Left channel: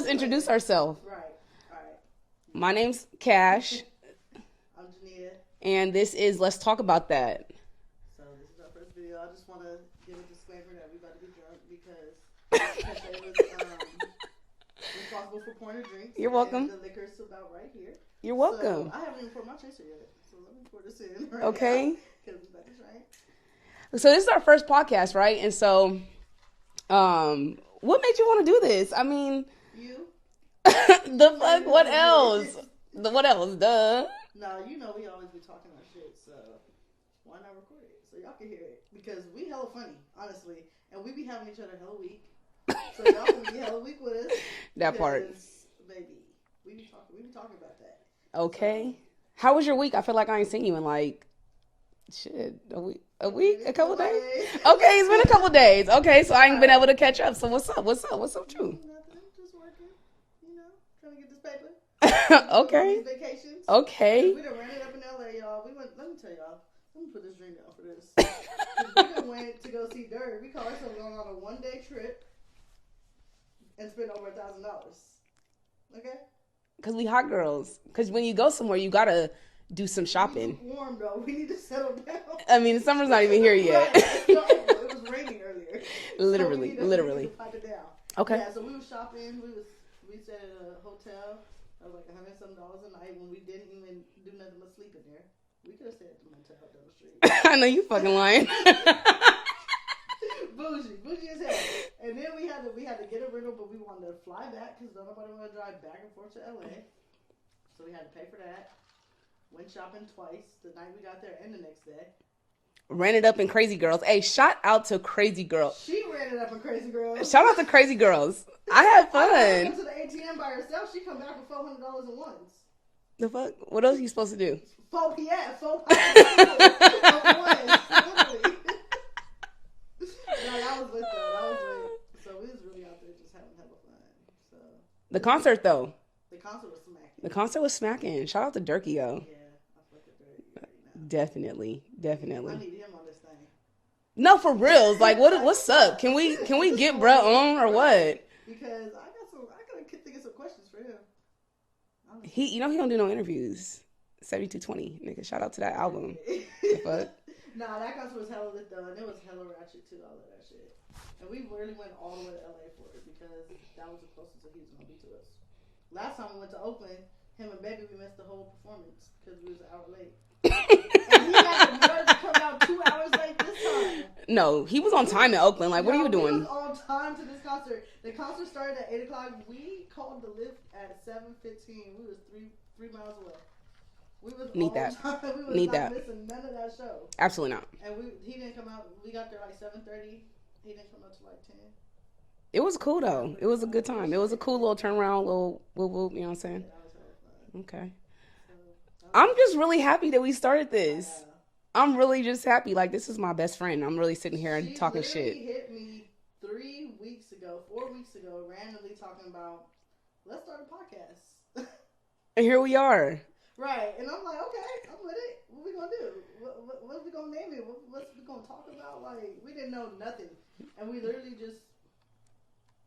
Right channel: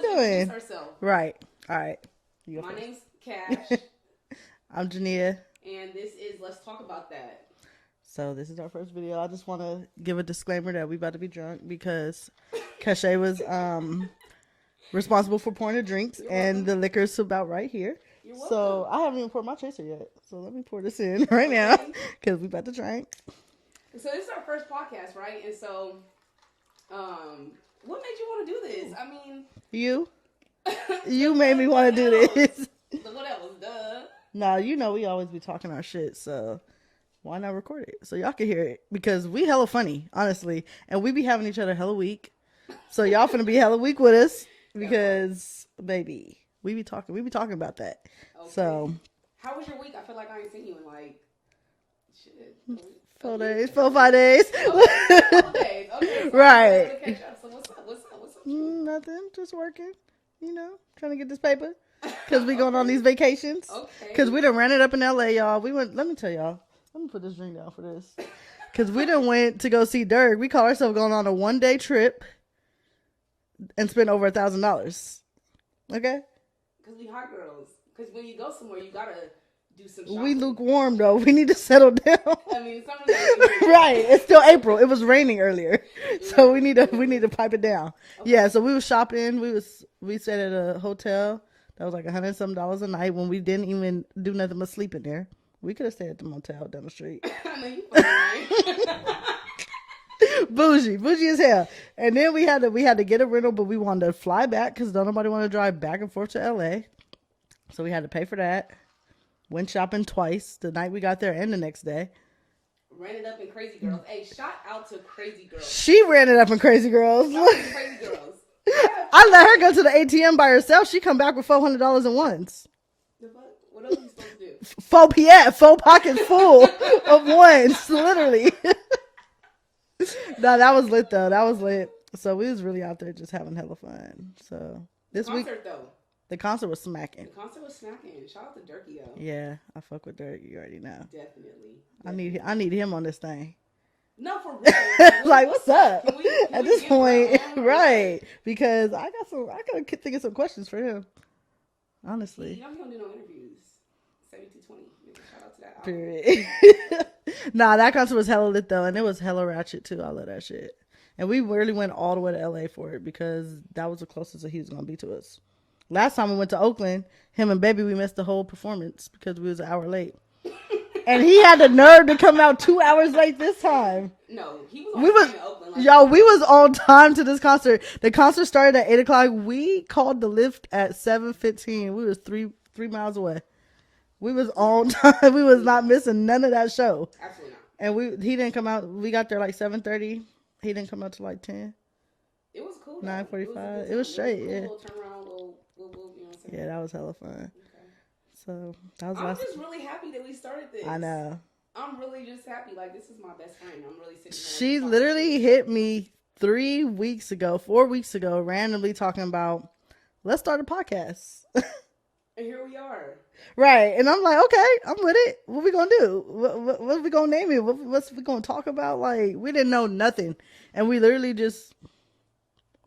let's introduce ourselves. Right. All right. My name's Cash. I'm Jania. And this is Let's Talk About That. So this is our first video. I just want to give a disclaimer that we about to be drunk because Cache was responsible for pouring the drinks. You're welcome. And the liquor's about right here. You're welcome. So I haven't even poured my chaser yet. So let me pour this in right now because we about to drink. So this is our first podcast, right? And so what made you want to do this? I mean... You made me want to do this. What else? Duh. No, you know we always be talking our shit, so why not record it so y'all can hear it? Because we hella funny, honestly, and we be having each other hella weak. So y'all finna be hella weak with us because, baby, we be talking about that. Okay. So, how was your week? I feel like I ain't seen you in like a week. 4 5 days. Okay, it's been a couple days. Okay, so I haven't been able to catch up. So what's up? What's up with you? Nothing. Just working. You know, trying to get this paper. Because we going on these vacations. Okay. Because we done ran it up in LA, y'all. Let me tell y'all. Let me put this drink down for this. Because we done went to go see Dirk. We call ourselves going on a 1-day trip and spent over $1,000. Okay? Because we hot girls. Because when you go somewhere, you got to do some shopping. We lukewarm, though. We need to settle down. I mean, the summer's not even here yet. Right. It's still April. It was raining earlier. So we need to pipe it down. Okay. Yeah, so we was shopping. We stayed at a hotel. That was like $100-something a night when we didn't even do nothing but sleep in there. We could have stayed at the motel down the street. I know you fucking lying. Bougie as hell. And then we had to get a rental, but we wanted to fly back because nobody wanted to drive back and forth to LA. So we had to pay for that. Went shopping twice, the night we got there and the next day. Ran it up in Crazy Girls. Hey, shout out to Crazy Girls. She ran it up in Crazy Girls. Shout out to Crazy Girls. I let her go to the ATM by herself. She come back with $400 in ones. The fuck? What else are you supposed to do? Four pockets full of ones, literally. No, that was lit though. That was lit. So we was really out there just having hella fun. So the concert though. The concert was smacking. Shout out to Durkee, yo. Yeah, I fuck with Dirk. You already know. Definitely. I need him on this thing. No, for real. Like, what's up? Can we get bro on or right? What? Because I gotta think of some questions for him. Honestly, he don't do no interviews. 7220, nigga. Shout out to that album. Nah, that concert was hella lit though, and it was hella ratchet too. I love that shit. And we really went all the way to LA for it because that was the closest that he was gonna be to us. Last time we went to Oakland, him and Baby, we missed the whole performance because we was an hour late. And he had the nerve to come out 2 hours late this time. No, he was on time in Oakland. Like, y'all, we was on time to this concert. The concert started at 8 o'clock. We called the lift at 7:15. We was three miles away. We was on time. We was not missing none of that show. Absolutely not. And he didn't come out. We got there like 7:30. He didn't come out till like 10. It was cool though. It was a good time. It was a cool little turnaround, little whoop whoop. You know what I'm saying? Yeah, that was hella fun. Okay. So I'm just really happy that we started this. I know. I'm really just happy. Like, this is my best friend. I'm really sitting here. She talking literally shit. hit me 4 weeks ago, randomly talking about, let's start a podcast. And here we are. Right. And I'm like, okay, I'm with it. What we gonna do? What are we gonna name it? What's we gonna talk about? Like, we didn't know nothing, and we literally just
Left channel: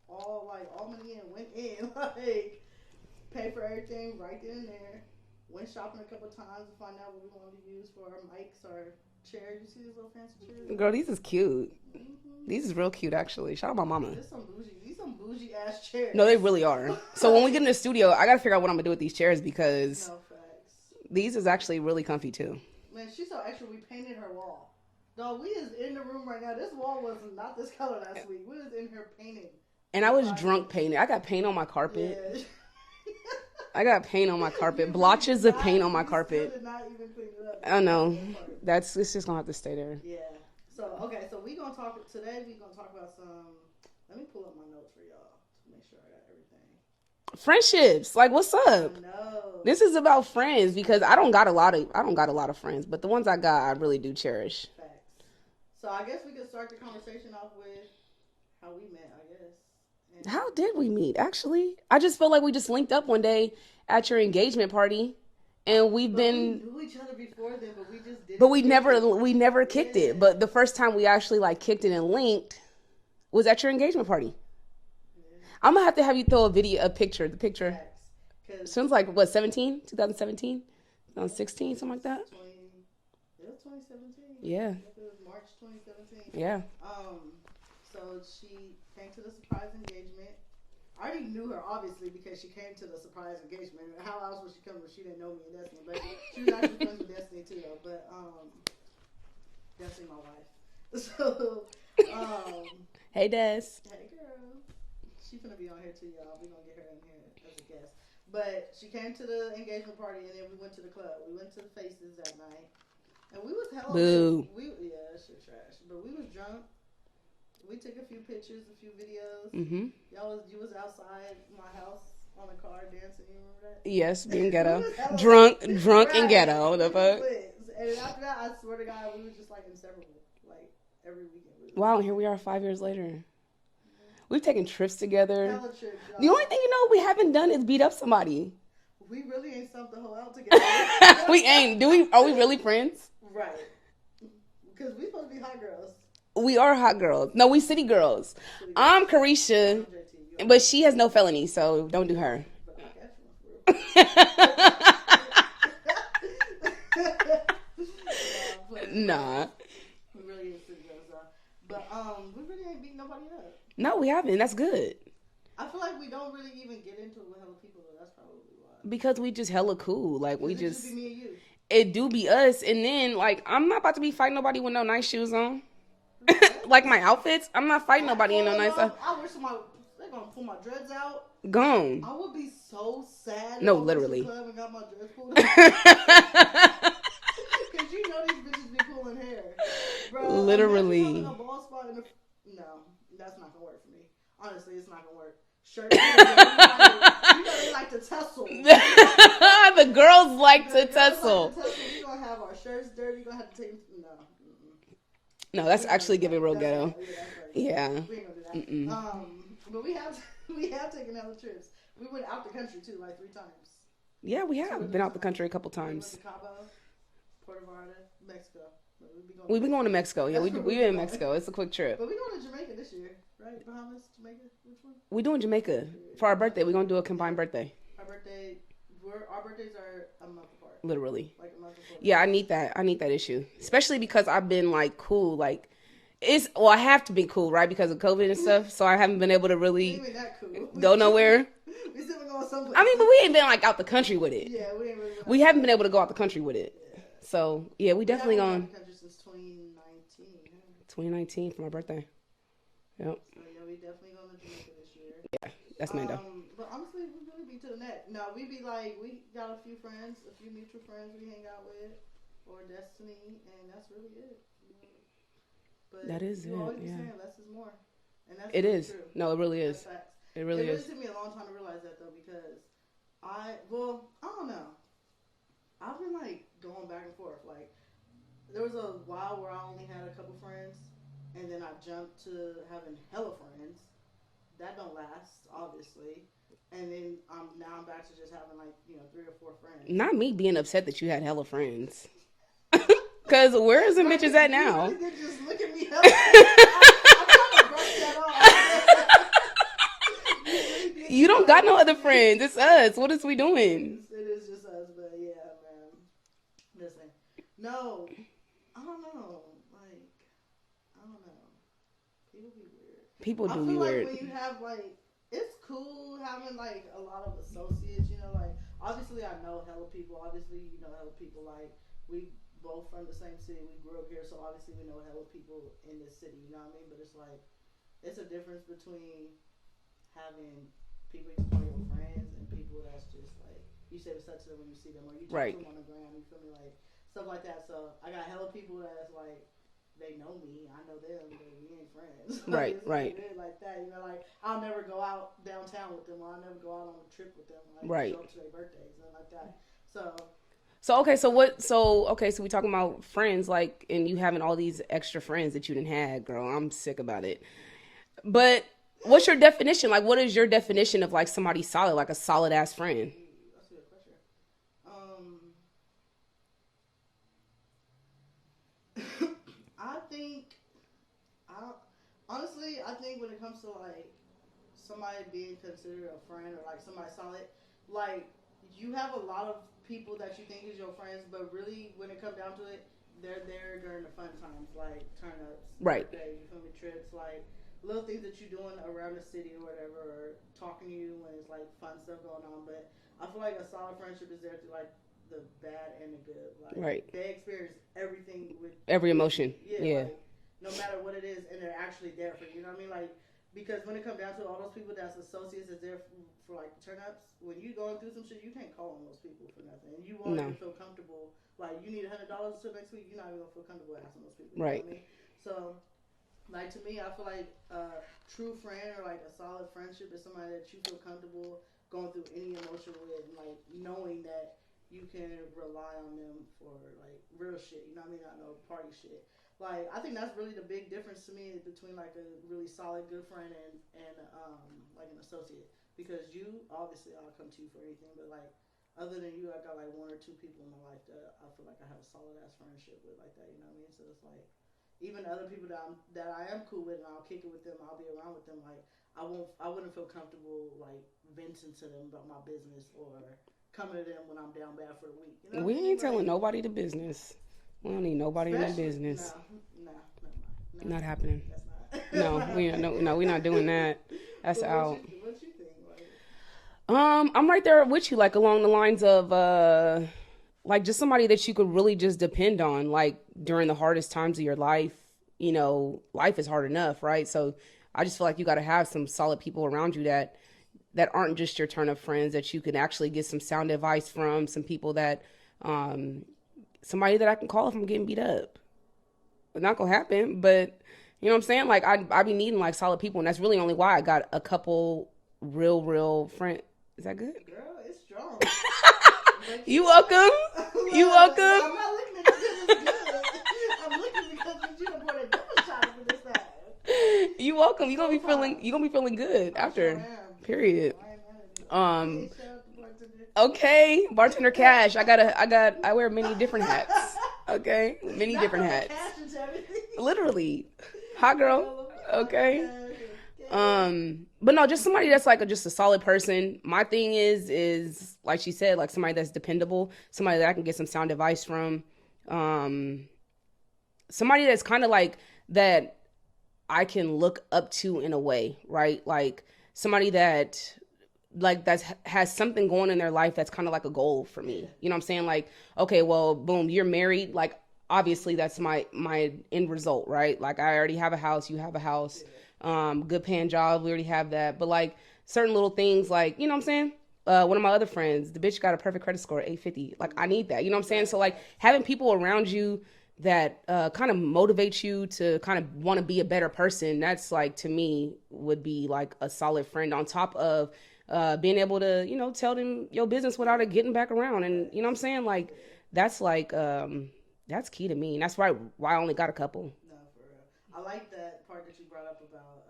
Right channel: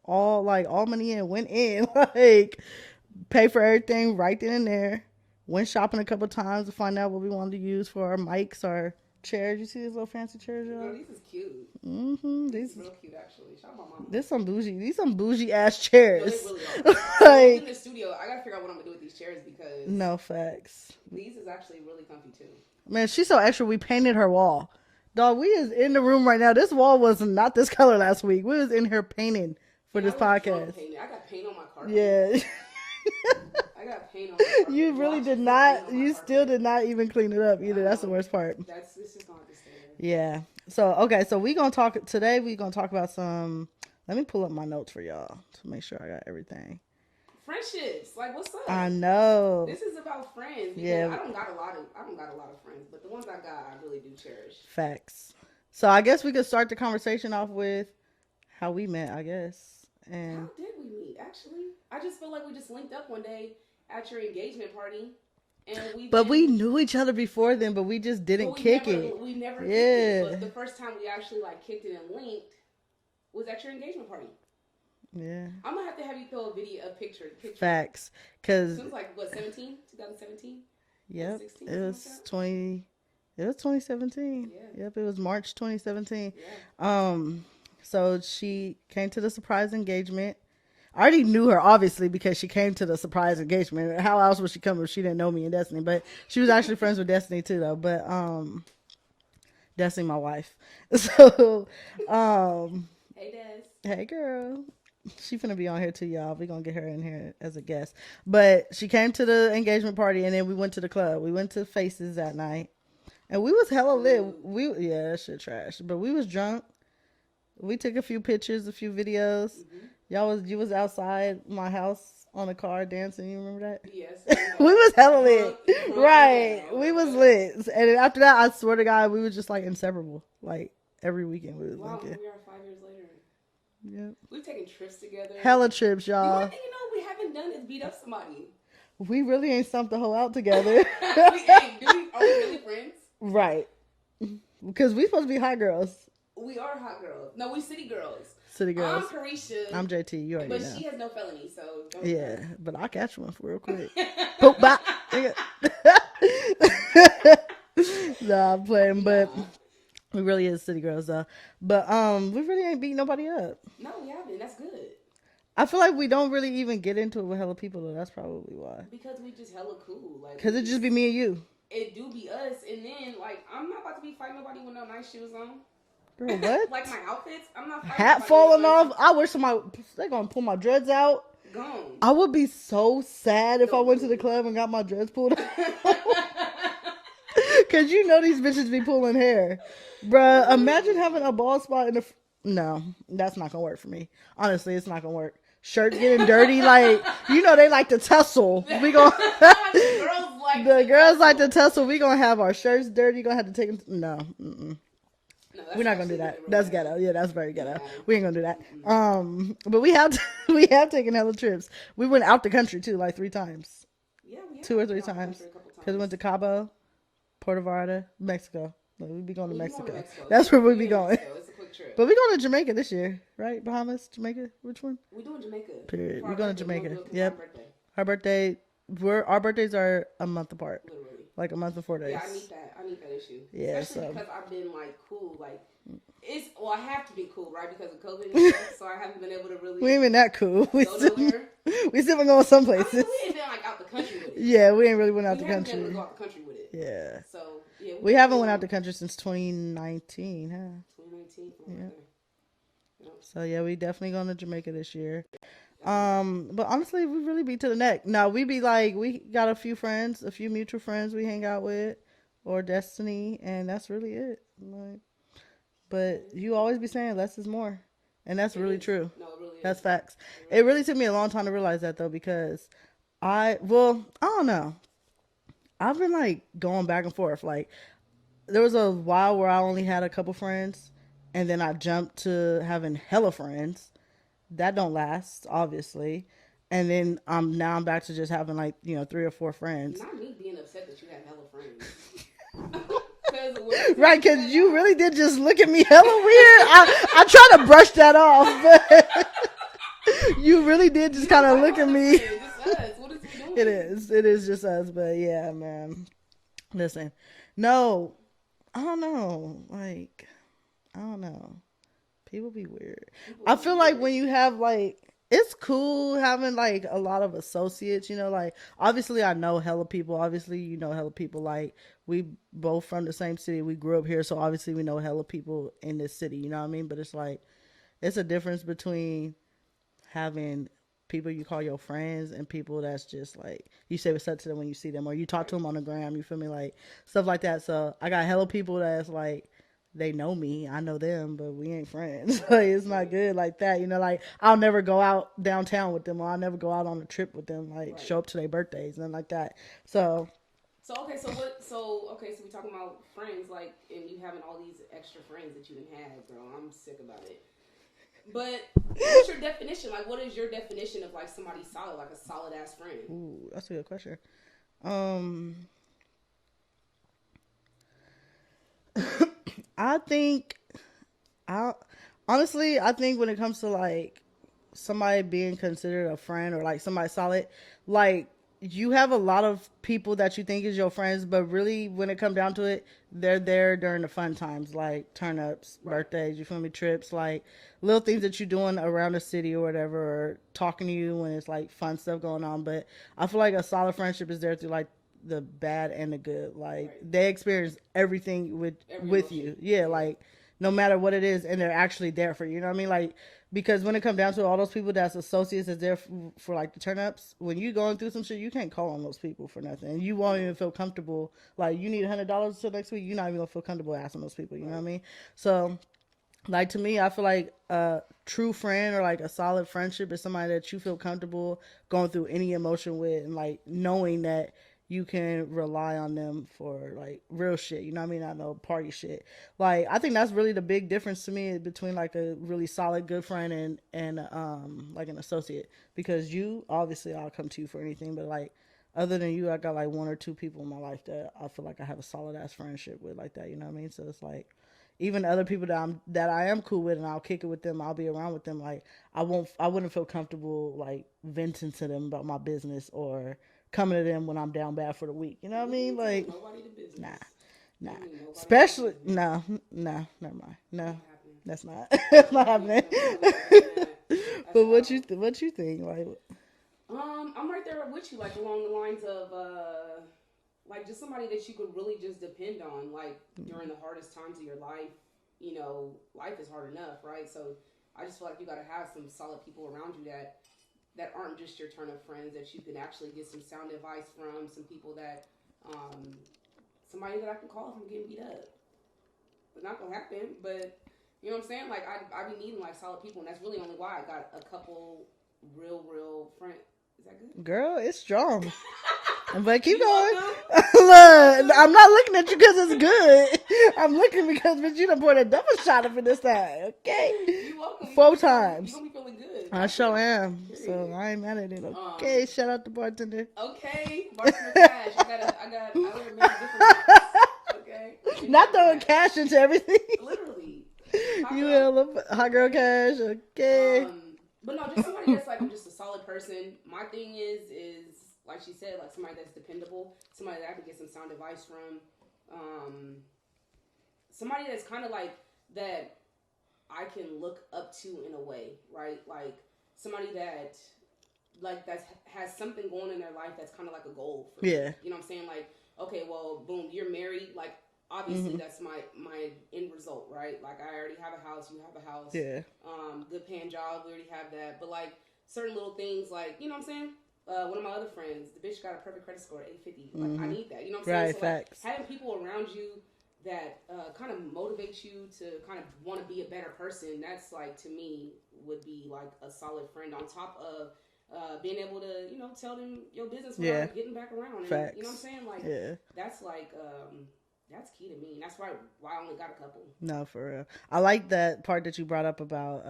all money in, went in, like, pay for everything right then and there. Went shopping a couple times to find out what we wanted to use for our mics, our chairs. You see these little fancy chairs? Girl, these is cute. Mm-hmm. These is real cute, actually. Shout out my mama. These some bougie ass chairs. No, they really are. So when we get in the studio, I gotta figure out what I'm gonna do with these chairs because no facts. These is actually really comfy too. Man, she's so extra. We painted her wall. Dog, we is in the room right now. This wall was not this color last week. We was in here painting. And I was drunk painting. I got paint on my carpet. Yeah. I got paint on my carpet. Blotches of paint on my carpet. You still did not even clean it up. I know. That's the worst part. It's just gonna have to stay there. Yeah. So, okay. So we're going to talk today. We're going to talk about some, let me pull up my notes for y'all to make sure I got everything. Friendships. Like, what's up? I know. This is about friends because I don't got a lot of friends, but the ones I got, I really do cherish. Facts. So I guess we could start the conversation off with how we met, I guess. And how did we meet? Actually, I just felt like we just linked up one day at your engagement party, and we knew each other before then, but we just didn't. But we never kicked it. But the first time we actually like kicked it and linked was at your engagement party. Yeah. I'm gonna have you throw a picture. The picture. Facts. Cause Sounds like what 17, 2017, yep, 16, it something was like that. 20. It was 2017. Yeah. Yep, it was March 2017. Yeah. So she came to the surprise engagement. I already knew her obviously because she came to the surprise engagement. How else would she come if she didn't know me and Destiny? But she was actually friends with Destiny too, though. But Destiny, my wife. So, Hey, Des. hey, girl. She finna be on here too, y'all. We gonna get her in here as a guest. But she came to the engagement party, and then we went to the club. We went to Faces that night, and we was hella lit. Yeah, that shit trash. But we was drunk. We took a few pictures, a few videos. Mm-hmm. You was outside my house on a car dancing. You remember that? Yes, we was hella drunk lit. Right. And ghetto. We was lit, and then after that, I swear to God, we was just like inseparable. Like every weekend. Wow, here we are 5 years later. Yeah, we've taken trips together. Hella trips, y'all. The only thing we haven't done is beat up somebody. We really ain't stumped the whole out together. We ain't. Are we really friends? Right. Because we supposed to be hot girls. We are hot girls. No, we city girls. I'm Carisha. I'm JT. But she has no felony, so don't do her. But I'll catch one for real quick. Nah, I'm playing. But we really is city girls though. But we really ain't beat nobody up. No, we haven't. That's good. I feel like we don't really even get into it with hella people though. That's probably why. Because we just hella cool. Like, because it just be me and you. It do be us, and then like I'm not about to be fighting nobody with no nice shoes on. Girl, what? Like my outfits, I'm not fighting Hat nobody falling with no nice off. I wish they gonna pull my dreads out. Gone. I would be so sad if I went to the club and got my dreads pulled out. Cause you know these bitches be pulling hair, bruh. Literally. Imagine having a bald spot in the. No, that's not gonna work for me. Honestly, it's not gonna work. Shirts being dirty, like they like to tussle. The girls like to tussle. We gonna have our shirts dirty. Gonna have to take them. No. Mm-mm. No, that's actually giving real That's ghetto. Yeah, that's very ghetto. Yeah. We ain't gonna do that. But we have taken hella trips. We went out the country too, like 3 times. Yeah, we have 2 or 3 been out times. the country a couple times. We went to Cabo, Puerto Vallarta, Mexico. We be going to Mexico. That's where we be going. Mexico. It's a quick trip. But we going to Jamaica this year, right? Bahamas, Jamaica. Which one? We doing Jamaica. Period. For our birthday. We're gonna do a combined birthday. Our birthday. Our birthdays are a month apart. Literally. Like a month before days. Yeah, I need that issue. Yeah, especially because I've been like cool, like. I have to be cool, right? Because of COVID and stuff. So I haven't been able to really. We ain't been that cool. Go nowhere. We still been going someplace. I mean, but we ain't been like out the country with it. Yeah, we ain't really went out. We haven't been able to go out the country with it. Yeah. So yeah, we haven't went out the country since 2019. Huh? 2019 for my birthday. Yep. So yeah, we definitely going to Jamaica this year. Yeah. That's but honestly, we really be to the neck. Now we be like, we got a few mutual friends we hang out with, or Destiny, and that's really it. Like. But you always be saying less is more. And that's really true. No, it really is. That's facts. It really took me a long time to realize that, though, because I don't know. I've been, like, going back and forth. Like, there was a while where I only had a couple friends, and then I jumped to having hella friends. That don't last, obviously. And then now I'm back to just having, like, 3 or 4 friends. Not me being upset that you had hella friends. Because where's the right, bitches at now? You really did just look at me hella weird. I try to brush that off. You really did just you don't got no other me. friends. It's us. What is we doing? It is just us. But yeah, man. Listen. No. I don't know. Like, I don't know. People be weird. I feel like when you have like, it's cool having like a lot of associates, like obviously I know hella people. Obviously, hella people. Like, we both from the same city. We grew up here, so obviously we know hella people in this city. You know what I mean? But it's like, it's a difference between having people you call your friends and people that's just like, you say what's up to them when you see them, or you talk to them on the gram. You feel me? Like, stuff like that. So I got hella people that's like, they know me, I know them, but we ain't friends. Like, it's not good like that. Like, I'll never go out downtown with them, or I'll never go out on a trip with them. Like, show up to their birthdays and like that. So we talking about friends, like, and you having all these extra friends that you didn't have, girl. I'm sick about it. But what's your definition? Like, what is your definition of like somebody solid, like a solid ass friend? Ooh, that's a good question. I think when it comes to like somebody being considered a friend or like somebody solid, like you have a lot of people that you think is your friends, but really when it comes down to it, they're there during the fun times, like turn ups, Right. birthdays, you feel me, trips, like little things that you're doing around the city or whatever, or talking to you when it's like fun stuff going on. But I feel like a solid friendship is there through like the bad and the good. Like Right. they experience everything with Every with emotion. you. Yeah, Yeah. like no matter what it is, and they're actually there for you. You know what I mean? Like because when it comes down to all those people that's associates that's there for like the turn ups, when you going through some shit, you can't call on those people for nothing. You won't even feel comfortable. Like you need $100 till next week, you're not even gonna feel comfortable asking those people. You know what I mean? So like to me, I feel like a true friend or like a solid friendship is somebody that you feel comfortable going through any emotion with, and like knowing that you can rely on them for like real shit. You know what I mean? Not no party shit. Like I think that's really the big difference to me between like a really solid good friend and like an associate. Because you obviously I'll come to you for anything, but like other than you, I got like one or two people in my life that I feel like I have a solid ass friendship with like that. You know what I mean? So it's like even other people that I am cool with and I'll kick it with them, I'll be around with them. Like I wouldn't feel comfortable like venting to them about my business or coming to them when I'm down bad for the week. You know what I mean? We ain't telling like, nobody the business. Nah. I don't need nobody especially business. no, never mind. No, Not happening. That's not. No, not we're not doing that. That's but out. what you think? Like, I'm right there with you, like along the lines of like just somebody that you could really just depend on, like during the hardest times of your life. You know, life is hard enough, right? So I just feel like you got to have some solid people around you that aren't just your turn of friends, that you can actually get some sound advice from, some people that somebody that I can call if I'm getting beat up. It's not gonna happen, but you know what I'm saying? Like I be needing like solid people, and that's really only why I got a couple real friends. Is that good? girl, it's strong. But You going. welcome. Look, I'm not looking at you because it's good. I'm looking because you done poured a double shot up in this time. Okay. You welcome. You Four gonna times. be feeling good. I sure am. Period. So I ain't mad at it. Okay, shout out to bartender. Okay, bartender Cash. I wear many different hats. Okay, many not different throwing hats. cash into everything. Literally, hot girl. Hot girl cash. Okay. But no, just somebody that's like just a solid person. My thing is like she said, like somebody that's dependable, somebody that I can get some sound advice from, somebody that's kind of like that I can look up to in a way, right? Like somebody that has something going in their life that's kind of like a goal for me. Yeah. You know what I'm saying? Like, okay, well, boom, you're married. Like, obviously that's my end result, right? Like I already have a house, you have a house. Yeah. Good paying job, we already have that. But like certain little things, like, you know what I'm saying? One of my other friends, the bitch got a perfect credit score, 850. Like I need that. You know what I'm saying? Right, so like facts. having people around you that kind of motivates you to kind of want to be a better person, that's like to me would be like a solid friend, on top of being able to, you know, tell them your business without it getting back around. And Facts. you know what I'm saying? Like that's like that's key to me, and that's why I only got a couple. No, for real. I like that part that you brought up about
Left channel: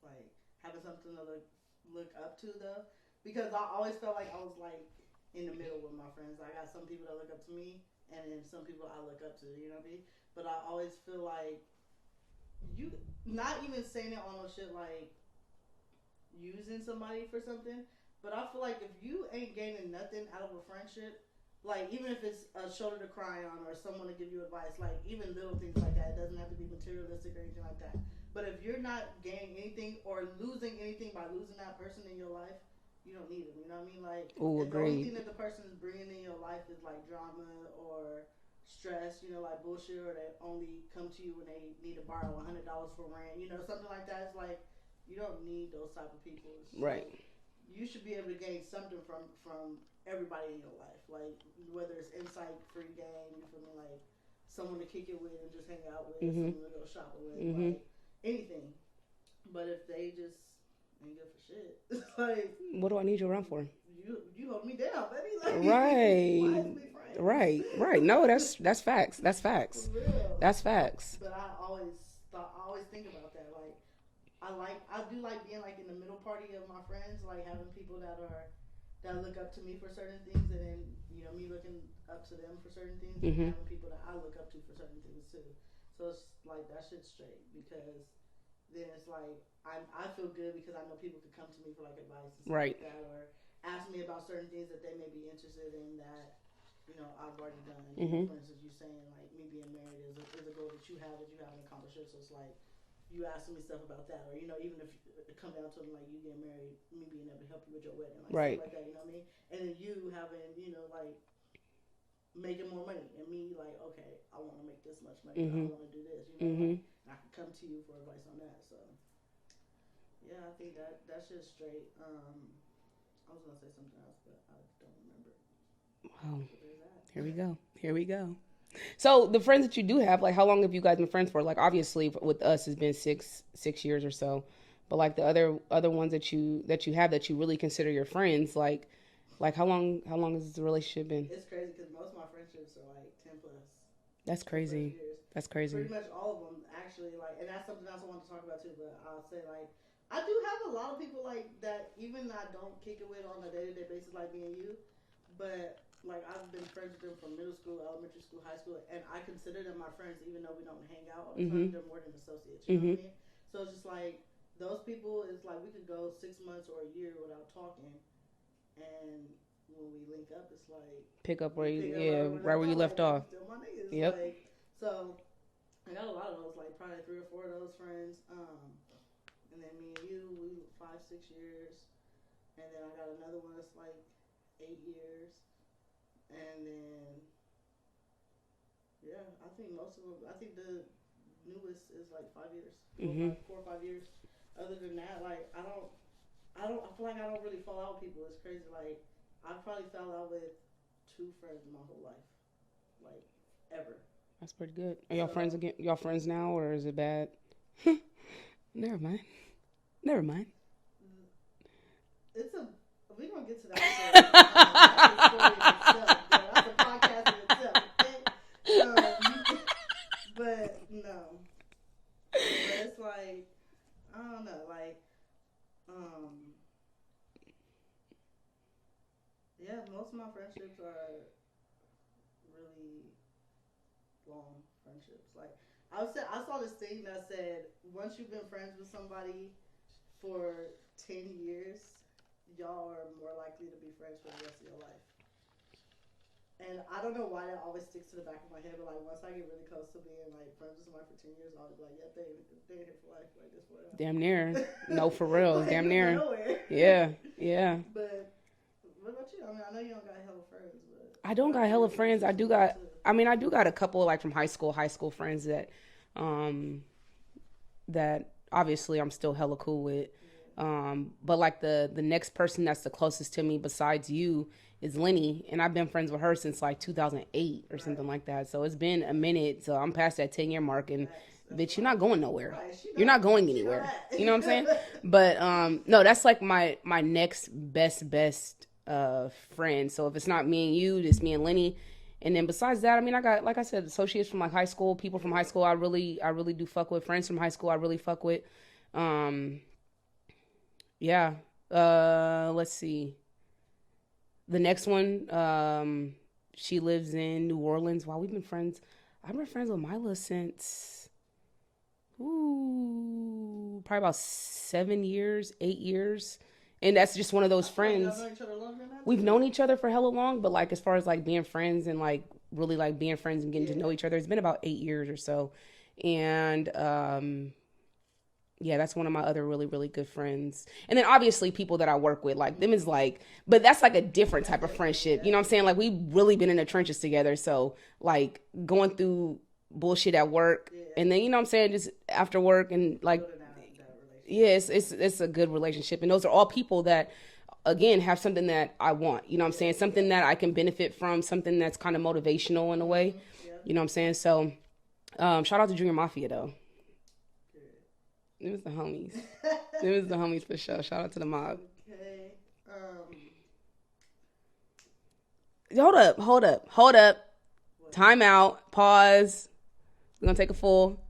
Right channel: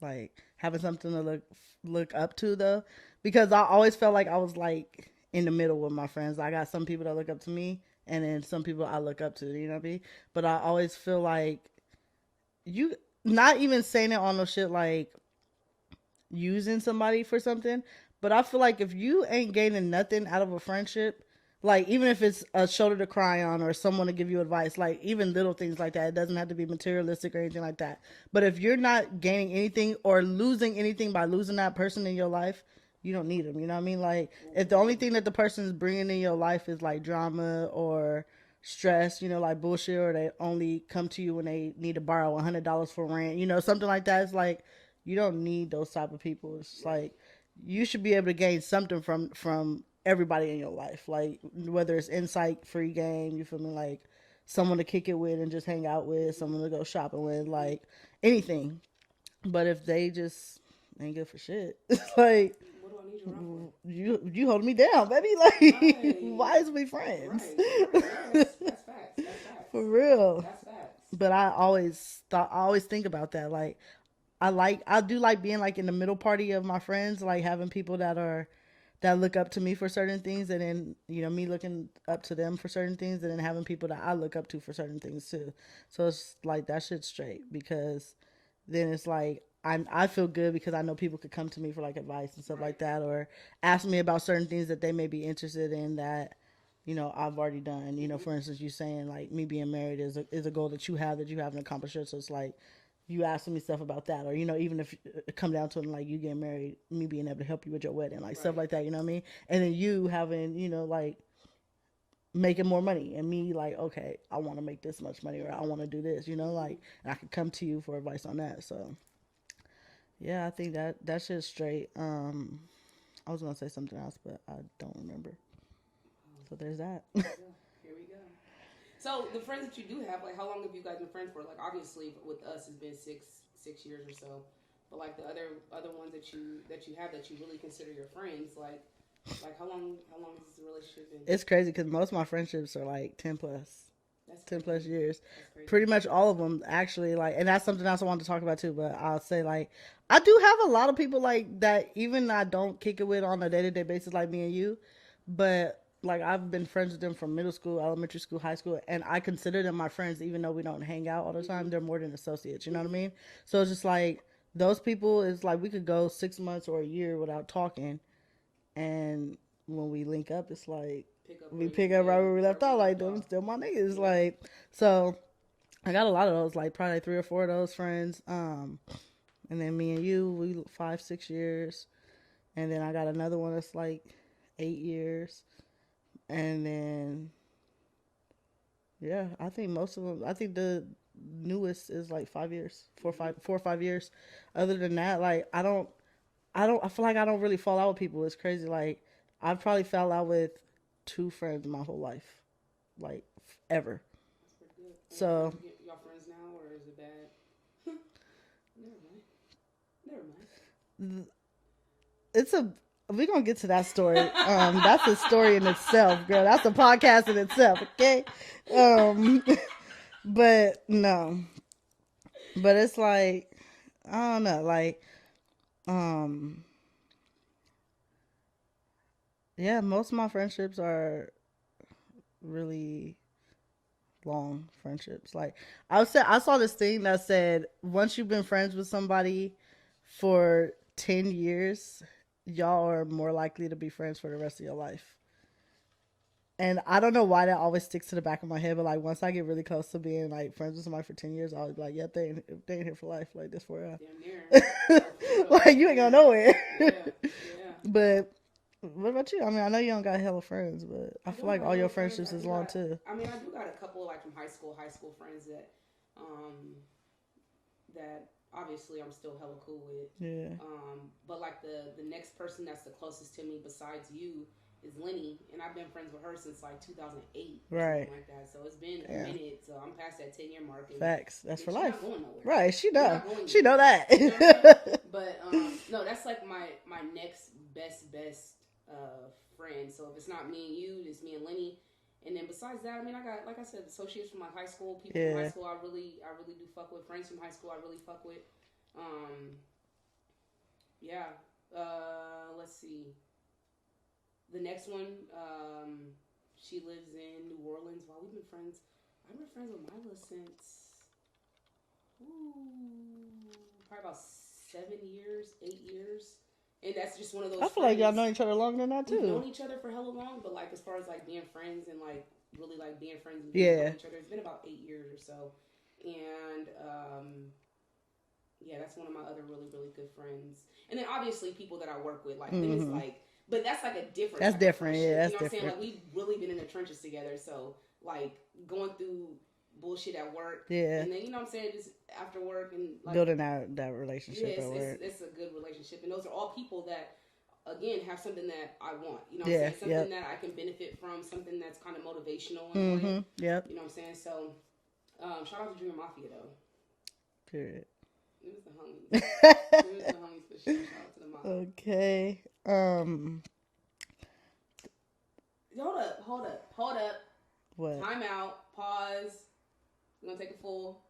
like having something to look up to though, because I always felt like I was like in the middle with my friends. I got some people that look up to me, and then some people I look up to. You know what I mean? But I always feel like you not even saying it on no shit like using somebody for something, but I feel like if you ain't gaining nothing out of a friendship, like even if it's a shoulder to cry on or someone to give you advice, like even little things like that, it doesn't have to be materialistic or anything like that. But if you're not gaining anything or losing anything by losing that person in your life, you don't need them. You know what I mean? Like if the only thing that the person is bringing in your life is like drama or stress, you know, like bullshit, or they only come to you when they need to borrow $100 for rent, you know, something like that. It's like you don't need those type of people. It's like you should be able to gain something from everybody in your life, like whether it's insight, free game, you feel me, like someone to kick it with and just hang out with, someone to go shopping with, like anything. But if they just ain't good for shit, it's like, what do I need you around for? You holding me down, baby. Like, why is we friends? Right. No, that's facts. That's facts. For real. That's facts. But I always think about that. Like, I do like being like in the middle party of my friends, like having people that look up to me for certain things, and then, you know, me looking up to them for certain things, and then having people that I look up to for certain things too. So it's like that shit's straight, because then it's like I feel good because I know people could come to me for like advice and stuff Right. like that, or ask me about certain things that they may be interested in that, you know, I've already done. You know, for instance, you saying like me being married is a goal that you haven't accomplished yet. So it's like you asking me stuff about that, or you know, even if it come down to it, like you getting married, me being able to help you with your wedding, like Right. stuff like that. You know what I mean? And then you having, you know, like making more money, and me like, okay, I want to make this much money, or I want to do this. You know, like, and I can come to you for advice on that. So yeah, I think that shit's straight. I was gonna say something else, but I don't remember. Oh, So there's that. here we go. Here we go. So the friends that you do have, like, how long have you guys been friends for? Like, obviously, with us, it's been six years or so. But like the other ones that you have that you really consider your friends, like how long has the relationship been? It's crazy because most of my friendships are like 10 plus. That's 10 crazy. plus years. That's crazy. Pretty much all of them, actually. Like, and that's something else I wanted to talk about too. But I'll say, like, I do have a lot of people like that. Even I don't kick it with on a day-to-day basis, like me and you. But like, I've been friends with them from middle school, elementary school, high school, and I consider them my friends, even though we don't hang out all the time. They're more than associates. You know what I mean? So it's just like those people is like we could go 6 months or a year without talking, and when we link up, it's like pick up right where we left off. Like, them still my niggas. Yep. Like, so I got a lot of those, like probably 3 or 4 of those friends. And then me and you, we 5, 6 years, and then I got another one that's like 8 years, and then yeah, I think most of them. I think the newest is like 5 years, 4 or 5 years. Other than that, like I feel like I don't really fall out with people. It's crazy. Like I've probably fell out with 2 friends my whole life, like ever. That's pretty good. Are So, y'all friends again? Y'all friends now, or is it bad? Never mind. We're gonna get to that story. That's a story in itself, girl. That's a podcast in itself, okay? But no. But it's like, I don't know, like, yeah, most of my friendships are really long friendships. Like, I saw this thing that said once you've been friends with somebody for 10 years, y'all are more likely to be friends for the rest of your life. And I don't know why that always sticks to the back of my head, but like once I get really close to being like friends with somebody for 10 years, I'll be like, yep, they ain't here for life, like this for real. Damn near. No, for real. Like, damn you ain't near. going nowhere. Yeah. But what about you? I mean, I know you don't got hella friends, but I don't got all hella your friends. I friendships do is long, got. too. I mean, I do got a couple like from high school friends that obviously I'm still hella cool with. Yeah. But like the next person that's the closest to me besides you is Lenny, and I've been friends with her since like 2008 or something like that. So it's been a minute. So I'm past that 10-year mark, and Facts. That's bitch, for you're life. not going nowhere. Right? She know. You're not going anywhere. She know that. You know what I'm saying? But no, that's like my next best friend. So if it's not me and you, it's me and Lenny. And then besides that, I mean, I got, like I said, associates from like high school, people from high school. I really do fuck with. Friends from high school, I really fuck with. Yeah. Let's see. The next one, she lives in New Orleans. Wow, we've been friends. I've been friends with Mila since, probably about 7 years, 8 years. And that's just one of those friends. Like y'all know each other longer than that too. We've known each other for hella long, but like as far as like being friends and like really like being friends and getting to know each other, it's been about 8 years or so. And yeah, that's one of my other really, really good friends. And then obviously people that I work with, like them is like, but that's like a different type of friendship. You know what I'm saying? Like we've really been in the trenches together. So like going through bullshit at work, and then you know what I'm saying, just after work and like building that relationship. Yeah, it's a good relationship, and those are all people that again have something that I want. You know what I'm saying? Something that I can benefit from, something that's kind of motivational in a way. Yeah. You know what I'm saying? So shout out to Junior Mafia though. Period. It was the homies. It was the homies for sure. Shout out to the mob. Okay. Hold up. What? Time out. Pause. We're gonna take a full.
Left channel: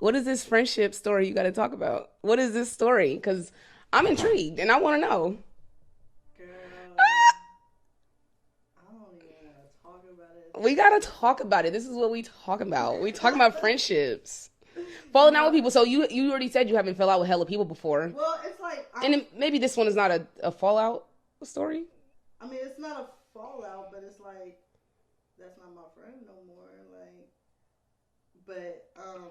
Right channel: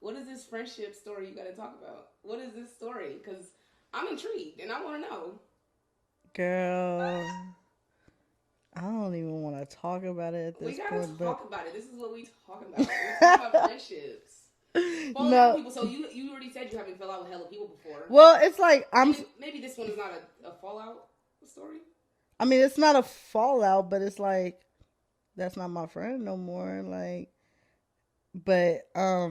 What is this friendship story you got to talk about? What is this story? Because I'm intrigued and I want to know. Girl, I don't even want to talk about it. We gotta talk about it. This is what we talk about. We talk about friendships. Falling out No. with people. So you already said you haven't fell out with hella people before. Well, it's like and maybe this one is not a fallout story. I mean, it's not a fallout, but it's like that's not my friend no more. Like, but I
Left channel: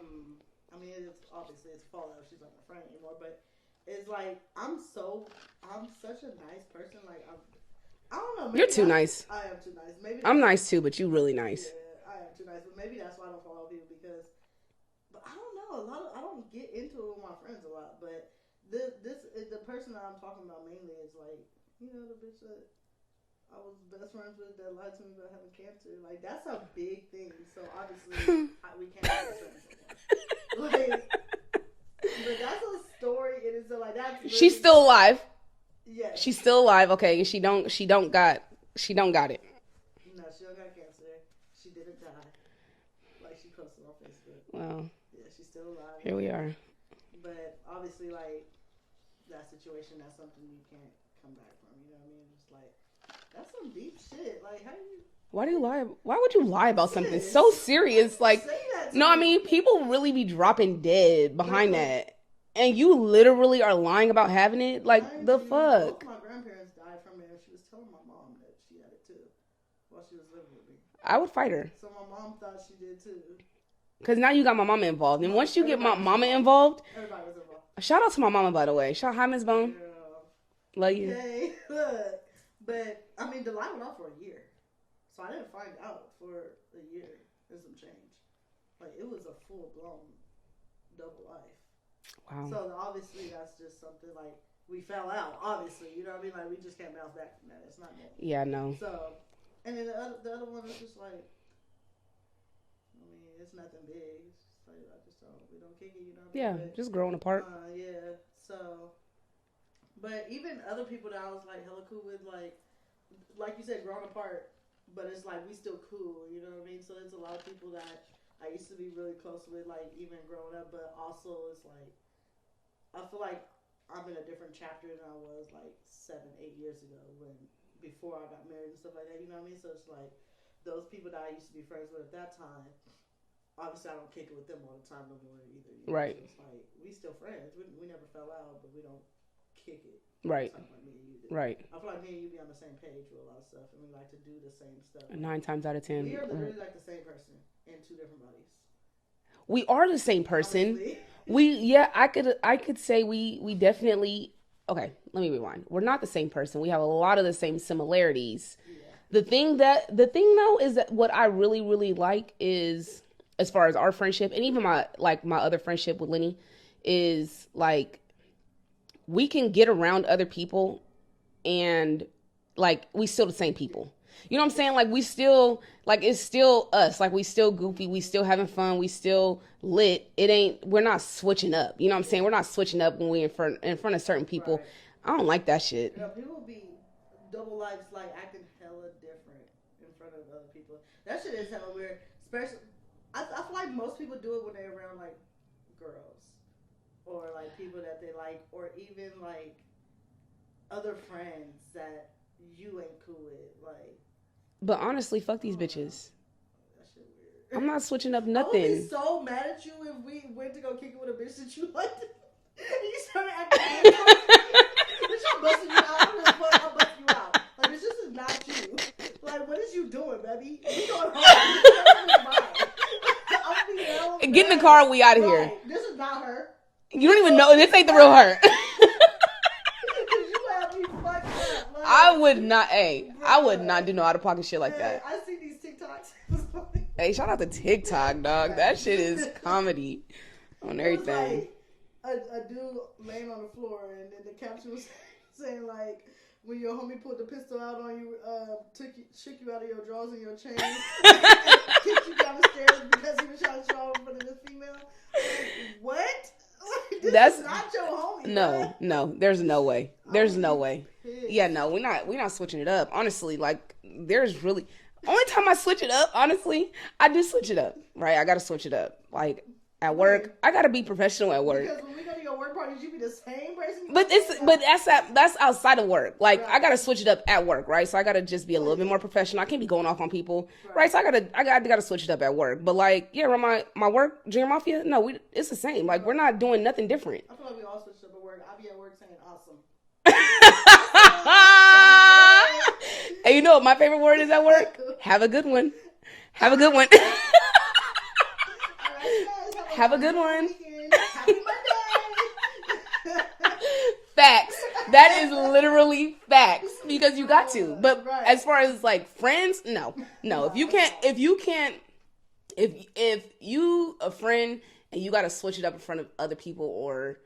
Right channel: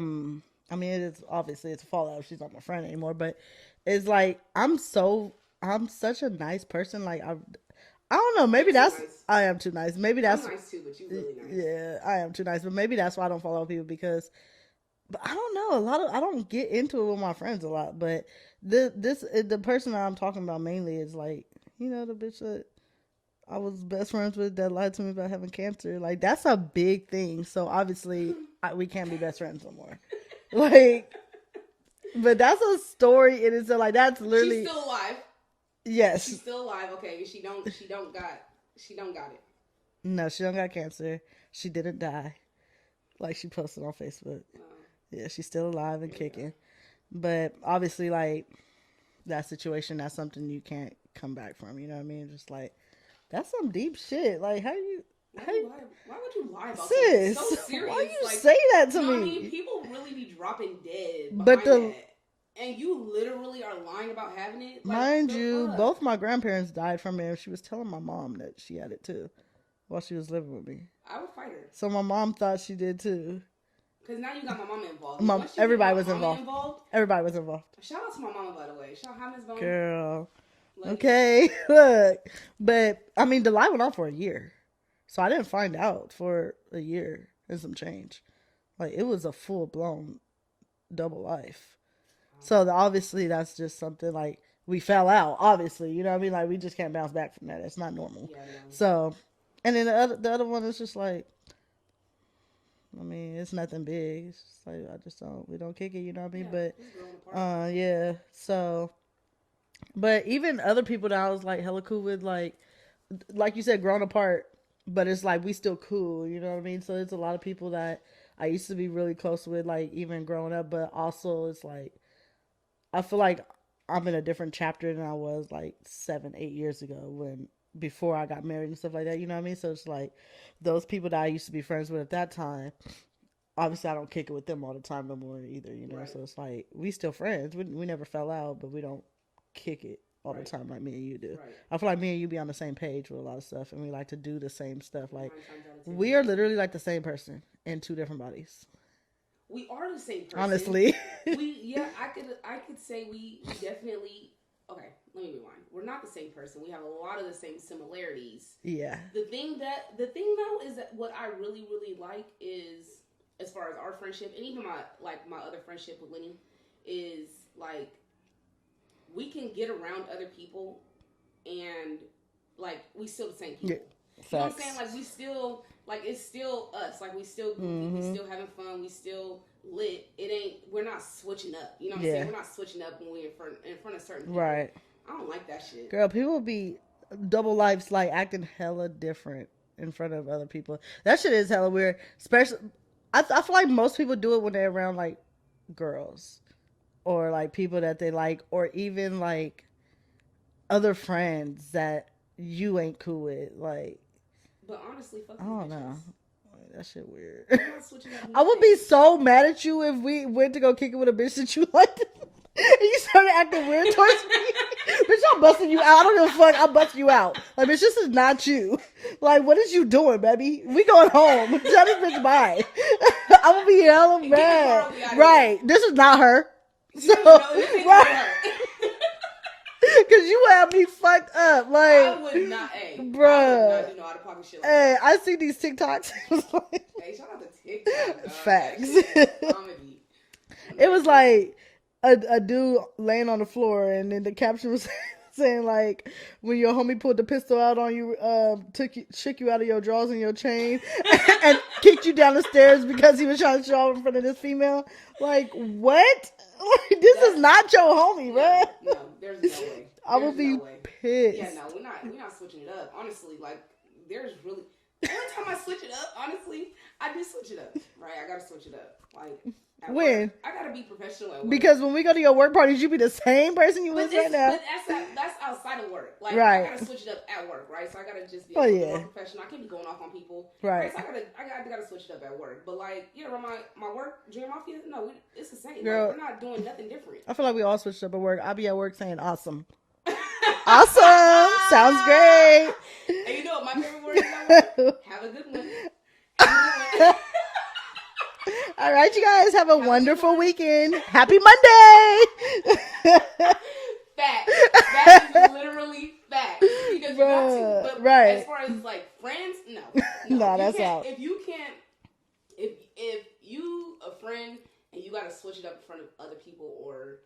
mean, it is obviously it's a fallout. She's not my friend anymore. But it's like I'm such a nice person. Like I don't know. Maybe You're too that's nice. I am too nice. Maybe that's I'm nice too, but you really nice. Yeah, I am too nice. But maybe that's why I don't follow people because. But I don't know. I don't get into it with my friends a lot. But the person that I'm talking about mainly is like the bitch that I was best friends with that lied to me about having cancer. Like that's a big thing. So obviously we can't be best friends no more. Like, but that's a story. It is like that's literally. She's still alive. Yes, she's still alive. Okay, she don't got it. No, she don't got cancer. She didn't die. Like she posted on Facebook. Wow. Yeah, she's still alive and Here kicking. we are. But obviously, like that situation, that's something you can't come back from. You know what I mean? Just like that's some deep shit. Like why do you lie? Why would you lie about Sis, something so serious? Like say that to me. No, I mean people really be dropping dead behind that, and you literally are lying about having it. Like mind the you, fuck. both my grandparents died from it. And she was telling my mom that she had it too, while she was living with me. I would fight her. So my mom thought she did too. Because now you got my mama involved. And once you get my mama involved. Everybody was involved. Shout out to my mama, by the way. Hi, Miss Bone. Girl. Love okay. You. Look. But, I mean, the lie went on for a year. So I didn't find out for a year and some change. Like, it was a full-blown double life. Wow. So, obviously, that's just something, like, we fell out, obviously. You know what I mean? Like, we just can't bounce back from that. It's not normal. Yeah, no. So, and then the other one is just like, I mean, it's nothing big. It's just like we don't kick it, you know what I mean? Yeah, but just growing apart. Yeah. So, but even other people that I was like hella cool with, like you said, growing apart, but it's like we still cool, you know what I mean? So it's a lot of people that I used to be really close with, like even growing up, but also it's like I feel like I'm in a different chapter than I was like 7-8 years ago before I got married and stuff like that, you know what I mean? So it's like those people that I used to be friends with at that time, obviously I don't kick it with them all the time no more either, you know? Right. So it's like, we still friends. We never fell out, but we don't kick it all the time like me and you do. Right. I feel like me and you be on the same page with a lot of stuff, and we like to do the same stuff. Like, 9 times out of 10. We are literally like the same person in 2 different bodies. We are the same person. Honestly. I could say we definitely... Okay, let me rewind. We're not the same person. We have a lot of the same similarities. Yeah. The thing though is that what I really, really like is, as far as our friendship and even my other friendship with Lenny, is like we can get around other people and like we still the same people. Yeah. You know what I'm saying? Like we still it's still us. Like we still goofy. We still having fun. We still lit. We're not switching up. You know what I'm saying? We're not switching up when we in front of certain people. Right. I don't like that shit. Girl, people be double lives, like acting hella different in front of other people. That shit is hella weird. Especially, I feel like most people do it when they're around like girls or like people that they like, or even like other friends that you ain't cool with. Like, but honestly, fuck these bitches. Know. That shit weird. I'm not switching up nothing. I would be so mad at you if we went to go kick it with a bitch that you liked and you started acting weird towards me. Bitch, I'm busting you out. I don't give a fuck. I'm busting you out. Like, bitch, this is not you. Like, what is you doing, baby? We going home. Shut up, bitch, bye. I'm gonna be hella mad. Get in the car, we out of here. Right. This is not her. You don't even know. This ain't the real her. Because you have me fucked up. Like, I would not, I would not do no out of pocket shit like that. I see these TikToks. Hey, shout out to TikTok, dog. Facts. That shit is comedy. It was like a dude laying on the floor, and then the caption was saying like, when your homie pulled the pistol out on you, shook you out of your drawers and your chain, and kicked you down the stairs because he was trying to show off in front of this female. Like, what? This is not your homie, man. No, there's no way. There's no way. Pissed. Yeah, no, we're not switching it up. Honestly, like there's really only time I switch it up, honestly, I do switch it up. Right? I gotta switch it up. Like At When? work, I gotta be professional at work. Because when we go to your work parties, you be the same person you But was right now. but that's outside of work. Like I Right. gotta switch it up at work, right? So I gotta just be a little bit more professional. I can't be going off on people, right? So I gotta switch it up at work. But like, yeah, my work, Junior Mafia, no, it's the same. Girl, like we're not doing nothing different. I feel like we all switched up at work. I'll be at work saying awesome. Awesome. Sounds great. And you know what my favorite word is at work? Have a good one. Have a good one. All right, you guys have a wonderful weekend. Happy Monday. Facts. That is literally facts because you got to. But as far as like friends, no. If you a friend and you got to switch it up in front of other people or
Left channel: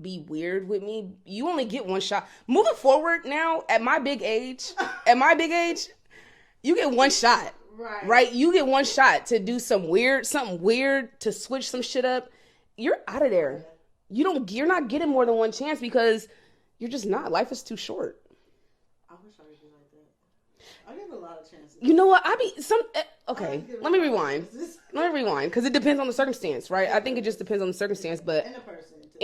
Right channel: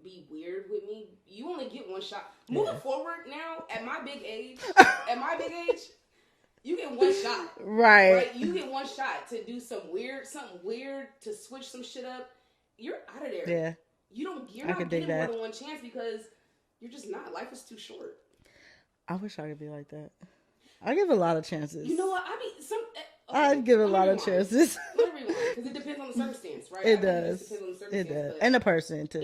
be weird with me, you only get one shot. Moving forward now, at my big age, you get one shot. Right? You get one shot to do something weird, to switch some shit up. You're out of there. Yeah. You're not getting more than one chance because you're just not. Life is too short. I wish I could be like that. I give a lot of chances. You know what? Okay, let me rewind because it depends on the circumstance, right? I think it just depends on the circumstance, and the person too.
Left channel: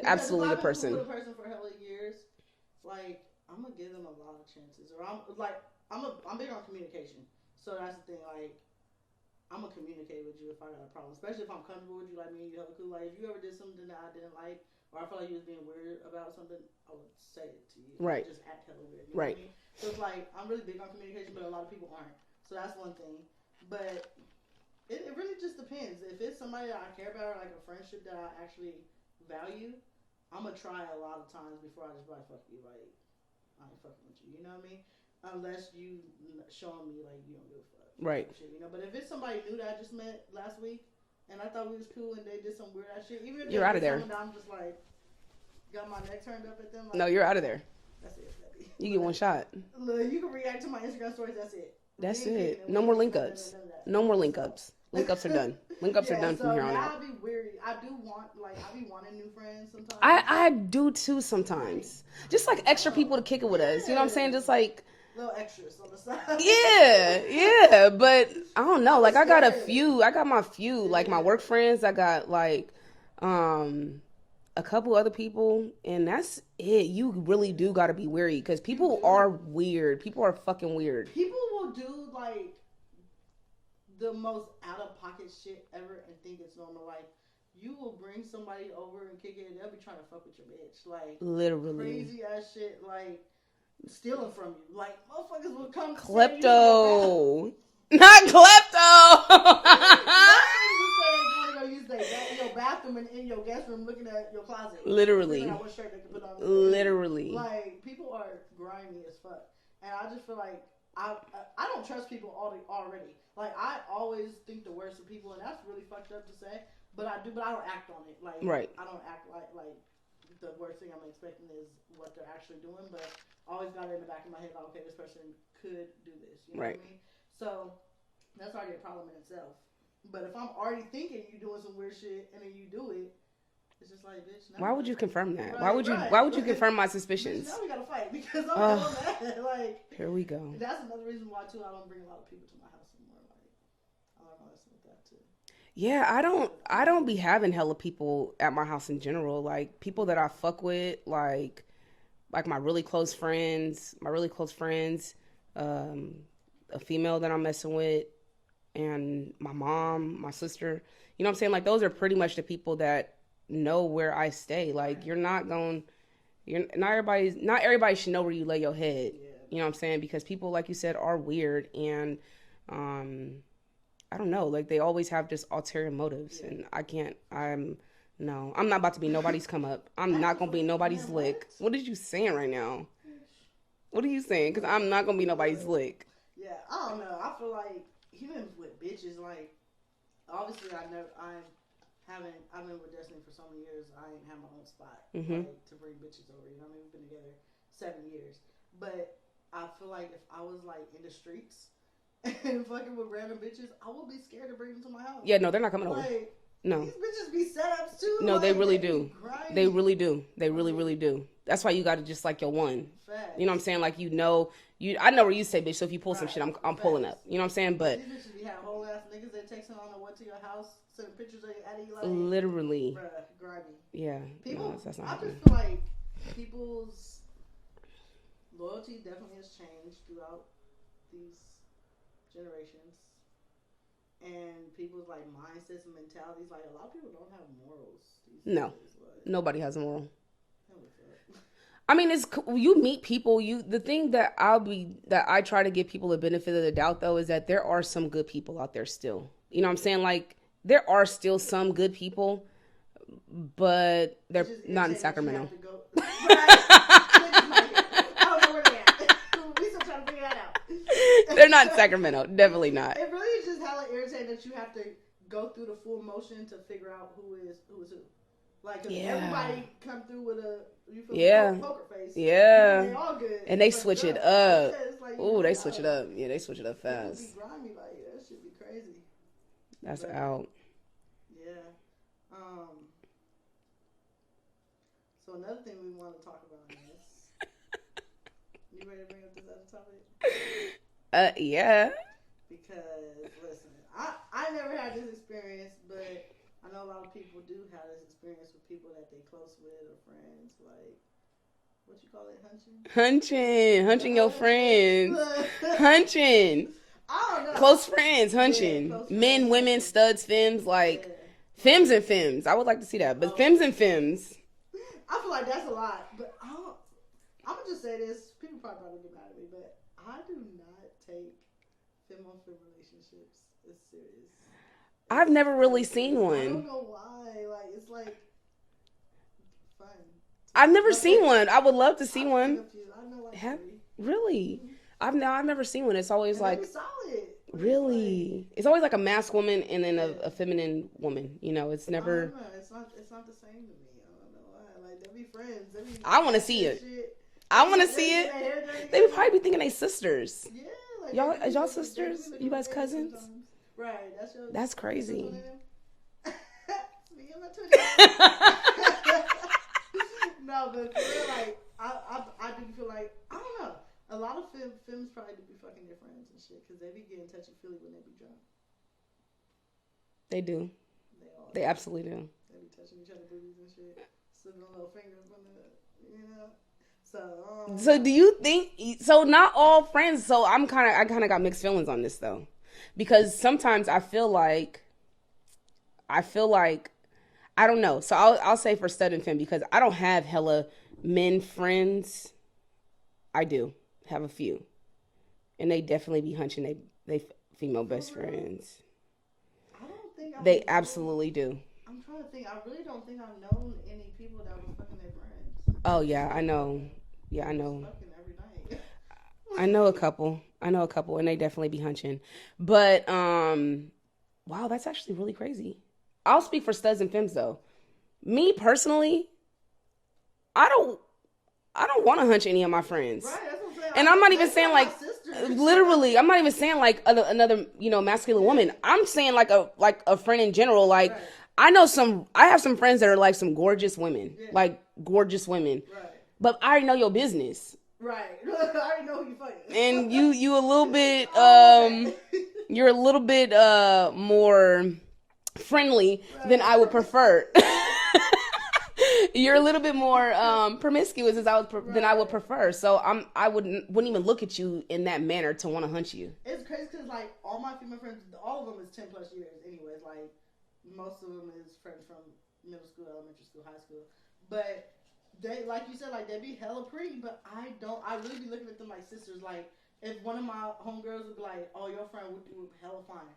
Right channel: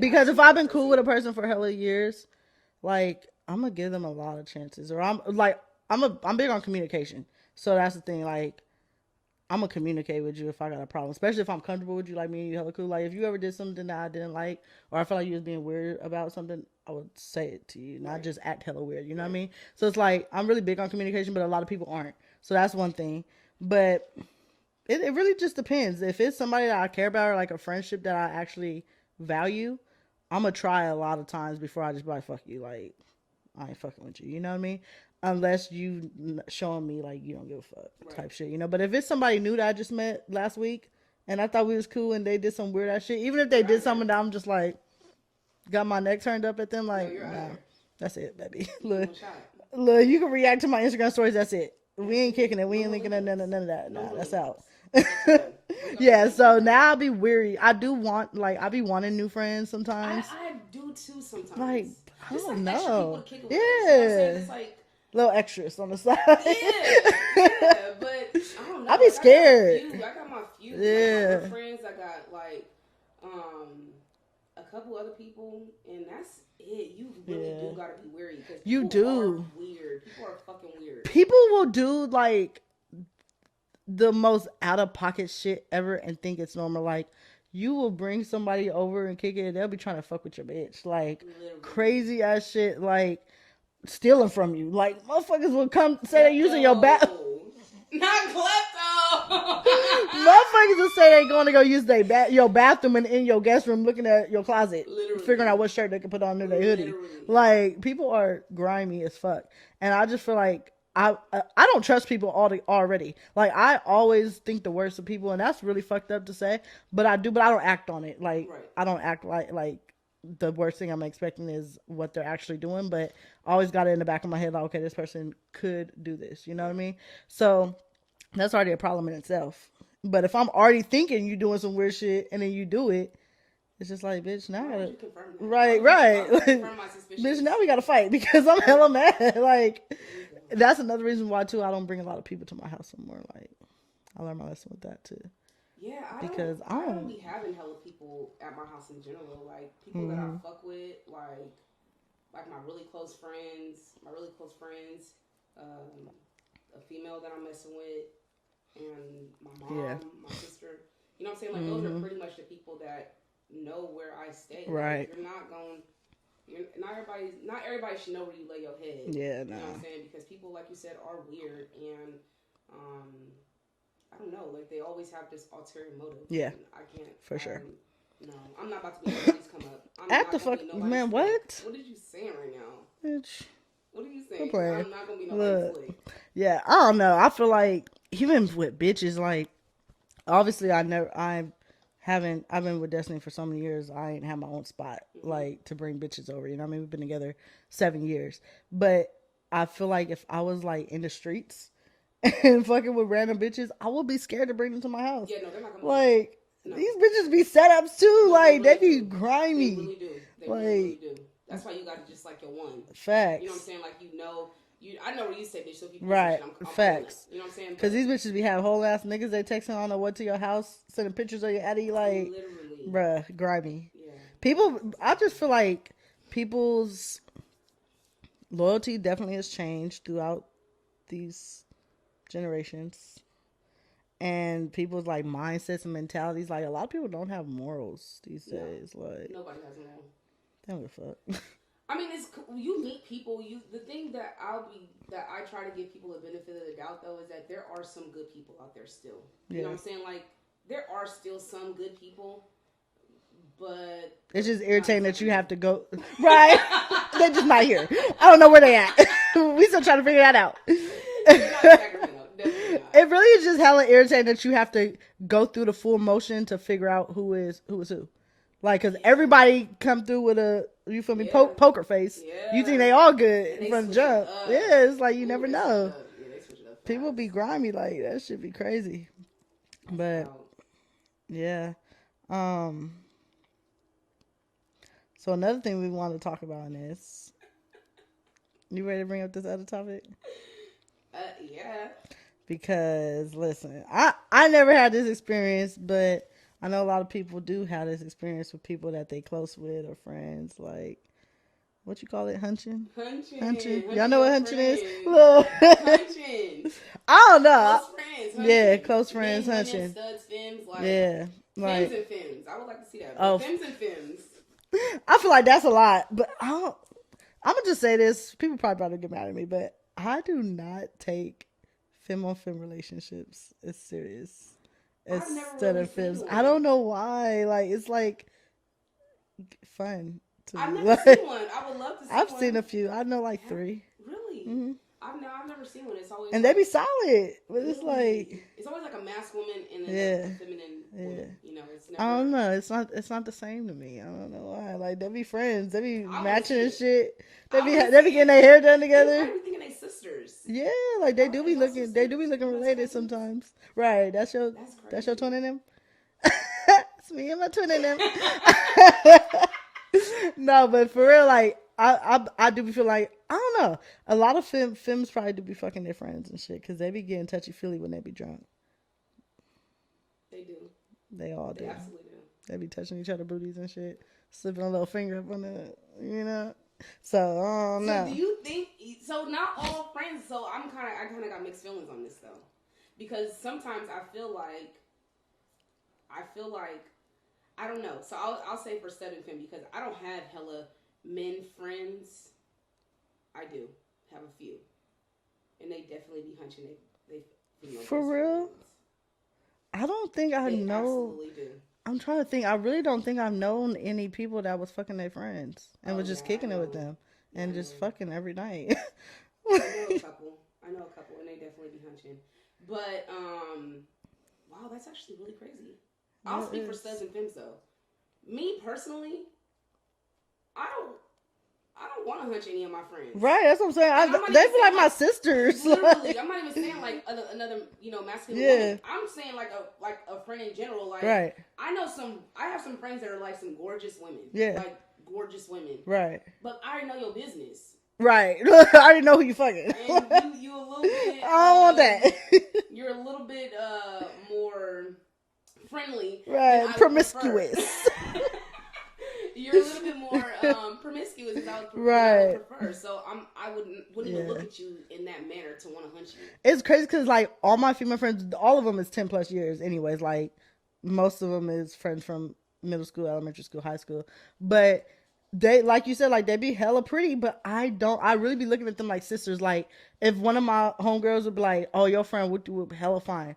Because if I've been cool with a person for hella years, like I'm gonna give them a lot of chances, or I'm big on communication. So that's the thing. Like I'm gonna communicate with you if I got a problem, especially if I'm comfortable with you, like me and you hella cool. Like if you ever did something that I didn't like, or I felt like you was being weird about something, I would say it to you, not just act hella weird. You know what I mean? So it's like I'm really big on communication, but a lot of people aren't. So that's one thing. But it really just depends. If it's somebody that I care about or like a friendship that I actually value, I'm gonna try a lot of times before I just be like, fuck you, like I ain't fucking with you. You know what I mean? Unless you showing me like you don't give a fuck type shit, you know. But if it's somebody new that I just met last week and I thought we was cool and they did some weird ass shit, even if they did something that I'm just like got my neck turned up at them, like no, you're out of there. That's it, baby. You get one shot. Look, you can react to my Instagram stories. That's it. We ain't kicking it. We ain't linking none of that. No more link ups. Link ups are done. Yeah, so now I'll be weary. I do want, like, I be wanting new friends sometimes. I do too sometimes. Like, just like extra people to kick it with us. You know what I'm saying? Just like little extras on the side. Yeah. But I don't know. Like I got a few. I got my few. Yeah. Like my work friends. I got like a couple other people, and that's it. You really do got to be wary because people are weird. People are fucking weird. People will do like the most out of pocket shit ever and think it's normal. Like you will bring somebody over and kick it, and they'll be trying to fuck with your bitch. Like literally crazy ass shit. Like stealing from you. Like motherfuckers will come say using your back. Not klepto. Motherfuckers will say they're going to go use your bathroom and in your guest room looking at your closet. Literally. Figuring out what shirt they can put on their hoodie. Like, people are grimy as fuck. And I just feel like I don't trust people already. Like, I always think the worst of people, and that's really fucked up to say. But I don't act on it. Like, I don't act like the worst thing I'm expecting is what they're actually doing. But I always got it in the back of my head, like, okay, this person could do this. You know what I mean? So that's already a problem in itself. But if I'm already thinking you doing some weird shit and then you do it, it's just like, bitch, now why would you confirm that? Right. Why would you confirm my suspicions? Bitch, now we gotta fight because I'm hella mad. Like, here we go. That's another reason why too I don't bring a lot of people to my house anymore. Like, I learned my lesson with that too. Yeah, I don't be having hella people at my house in general. Like people that I fuck with, like my really close friends, a female that I'm messing with, and my mom, my sister. You know what I'm saying? Like those are pretty much the people that know where I stay. Like not everybody should know where you lay your head. Yeah, no. You know what I'm saying? Because people, like you said, are weird, and I don't know. Like they always have just ulterior motives. Yeah, and I can't. For sure. No, I'm not about to be nobody's come up. I'm not gonna be nobody's slick. What are you saying right now? Bitch. What are you saying? Because I'm not gonna be nobody's slick. Yeah, I don't know. I feel like even with bitches, like obviously I've been with Destiny for so many years. I ain't had my own spot like to bring bitches over. You know what I mean? We've been together 7 years, but I feel like if I was like in the streets and fucking with random bitches, I would be scared to bring them to my house. Yeah, no, they're not coming over. Like, no. These bitches be setups too. No, like, they be grimy. They really do. They really do. That's why you got to just like your one. Facts. You know what I'm saying? Like, you know, I know where you say bitch. So if you pull some Right. shit, I'm Facts. pulling up. You know what I'm saying? Because But these bitches be having whole ass niggas they texting on the what to your house, sending pictures of your Eddie, like, literally, bruh, grimy. yeah. People, That's I just feel like people's loyalty definitely has changed throughout these generations. And people's like mindsets and mentalities, like a lot of people don't have morals these No. days. Like, Nobody has a moral. don't give a fuck. I mean, it's you meet people. The thing that I try to give people the benefit of the doubt though is that there are some good people out there still. You know what I'm saying? Like there are still some good people, but It's just irritating that you have to go right. They're just not here. I don't know where they at. We still trying to figure that out. They're not in Sacramento. Definitely not. It really is just hella irritating that you have to go through the full motion to figure out who is who. Like, because everybody come through with a, you feel me, poker face. Yeah. You think they all good. And they switch jump. it up. Yeah, it's like you never they know. switch it up. Yeah, they switch it up fast. People be grimy like that. Should be crazy. That's out. Yeah. So another thing we want to talk about in this. You ready to bring up this other topic? Yeah. Because listen, I never had this experience, but I know a lot of people do have this experience with people that they close with or friends. Like, what you call it, hunching? Hunching Y'all know your what friends. Hunching. I don't know. Close friends, hunching. Yeah, close friends, Men, hunching. women, studs, femmes, like, yeah, femmes and femmes. I would like to see that, but femmes and femmes. I feel like that's a lot, but I'm gonna just say this. People probably about to get mad at me, but I do not take femme on femme relationships as serious. I've never really seen one. I don't know why. Like, it's like fun. I've never seen one. I would love to see I've one. I've seen a few. I know like 3. Really? Mm-hmm. I've never seen one. It's always and like, they be solid. Really? It's always like a masked woman and then a feminine woman. You know, it's never. I don't know. It's not the same to me. I don't know why. Like, they be friends. They be I want to see it. Shit. I want to see They be getting their hair done together. They probably be thinking they sisters. Yeah, like they do be looking. They do be looking related sometimes. Right. That's crazy. That's your twin in them. It's me and my twin in them. No, but for real, like I do feel like, I don't know. A lot of femmes probably do be fucking their friends and shit because they be getting touchy feely when they be drunk. They do. They absolutely do. They be touching each other booties and shit, slipping a little finger up on the, you know. So do you think? So not all friends. So I kind of got mixed feelings on this though, because sometimes I feel like I don't know. So I'll say for stud and femme because I don't have hella men friends. I do have a few, and they definitely be hunching they female for best real? friends. I don't think they absolutely do. I'm trying to think. I really don't think I've known any people that was fucking their friends. Oh just yeah, I know. With them yeah, and I just know. fucking every night. I know a couple, and they definitely be hunching. But wow, that's actually really crazy. I'll speak for studs and femmes though. Me personally, I don't want to hunch any of my friends. Right, that's what I'm saying. And I'm not even saying like my sisters. Literally, I'm not even saying like another masculine woman. I'm saying like a friend in general. Like I have some friends that are like some gorgeous women. Yeah. Like gorgeous women. Right. But I already know your business. Right. I already know who you fucking. And you a little bit you're a little bit more friendly than I would prefer. You're a little bit more promiscuous than I would prefer. So I wouldn't even look at you in that manner to want to hunt you. It's crazy because like all my female friends, all of them is 10 plus years. Anyways, like most of them is friends from middle school, elementary school, high school. But they, like you said, like they be hella pretty. But I really be looking at them like sisters. Like if one of my homegirls would be like, "Oh, your friend would do hella fine,"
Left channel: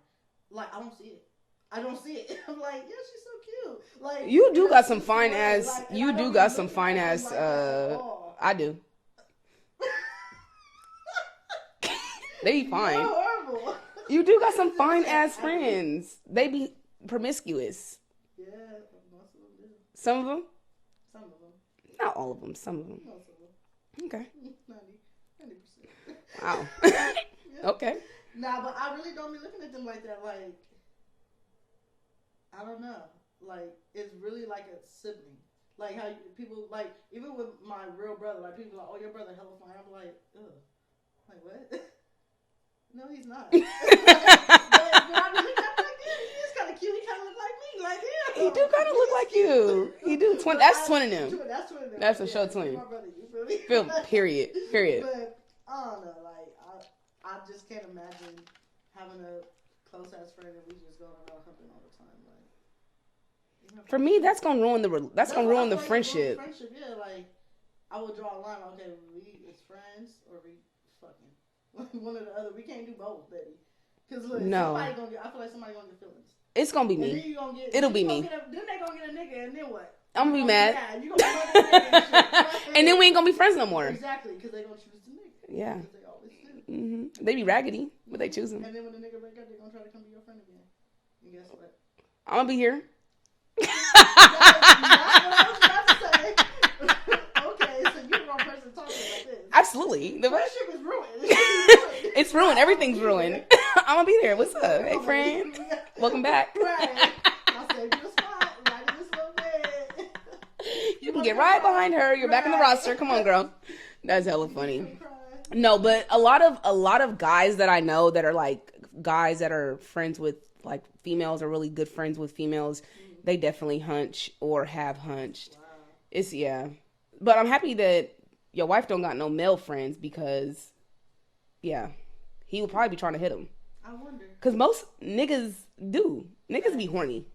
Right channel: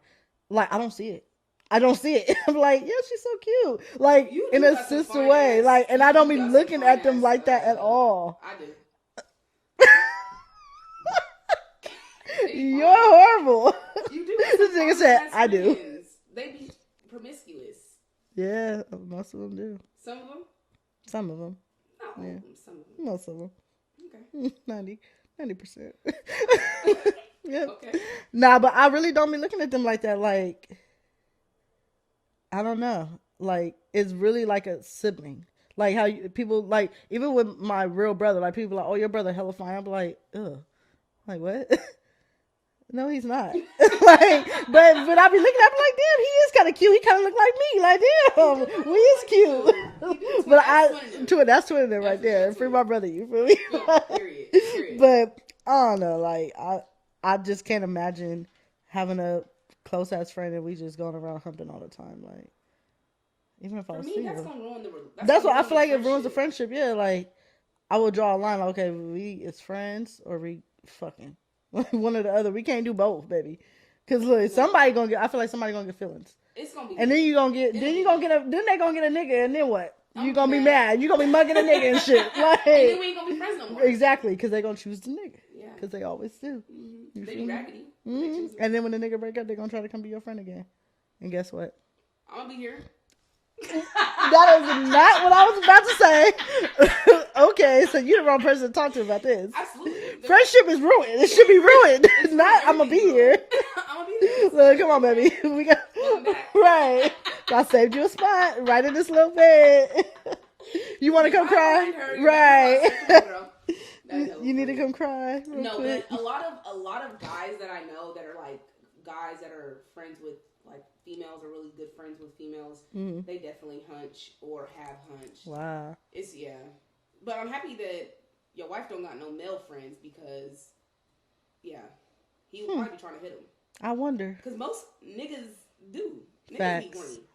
like I don't see it. I'm like, yeah, she's so cute. Like you do got some fine way. Ass, like, and I don't be looking at them like that at all. I do. They be fine. You're horrible. You do got some fine ass friends. They be promiscuous. Yeah, most of them do. Some of them. Some of them. Not all of them. Some of them. Most of them. Okay. 90%. Yeah. Okay. Nah, but I really don't be looking at them like that. Like, I don't know. Like, it's really like a sibling. Like how people like, even with my real brother, like people like, "Oh, your brother hella fine." I'm like, ugh. Like, what? No, he's not. Like, but I be looking at him like, damn, he is kind of cute. He kind of look like me. Like, damn, He do kind of he look is like cute. you. He do. That's twinning him. That's twinning him That's right a show there. Free twinning. my brother, you feel me? Period. Period. But I don't know. Like, I just can't imagine having a close ass friend and we just going around humping all the time. Like, even if For me, that's gonna ruin that's what gonna I ruin feel the like. friendship. It ruins the friendship. Yeah, like I will draw a line. Like, okay, we is friends or we fucking one or the other. We can't do both, baby. Because look, somebody gonna get. I feel like somebody gonna get feelings. It's gonna be me. And then you gonna get. It'll be me. Then they gonna get a nigga, and then what? I'm you gonna be mad. You gonna be mugging a nigga and shit. Like, and then we ain't gonna be friends no more. Exactly, because they gonna choose the nigga. Yeah, because they always do. Mm-hmm. They be raggedy, but they choose him. And then when the nigga break up, they gonna try to come be your friend again. And guess what? I'm gonna be here. That is not what I was about to say. Okay, so you're the wrong person to talk to about this. Absolutely. Friendship is ruined. It should be ruined. It's ruined. Everything's ruined. I'm gonna be there. What's up? Come on, baby. Welcome back. Right. I saved you a spot right in this little bed. You want to come right cry? Behind her. You're back in the roster. Come on, girl. That's hella funny. You need to come cry. No, but a lot of guys that I know that are like guys that are friends with like females are really good friends with females. Mm-hmm. They definitely hunch or have hunched. Wow. It's but I'm happy that your wife don't got no male friends because he would probably be trying to hit him. I wonder because most niggas do. Niggas be horny.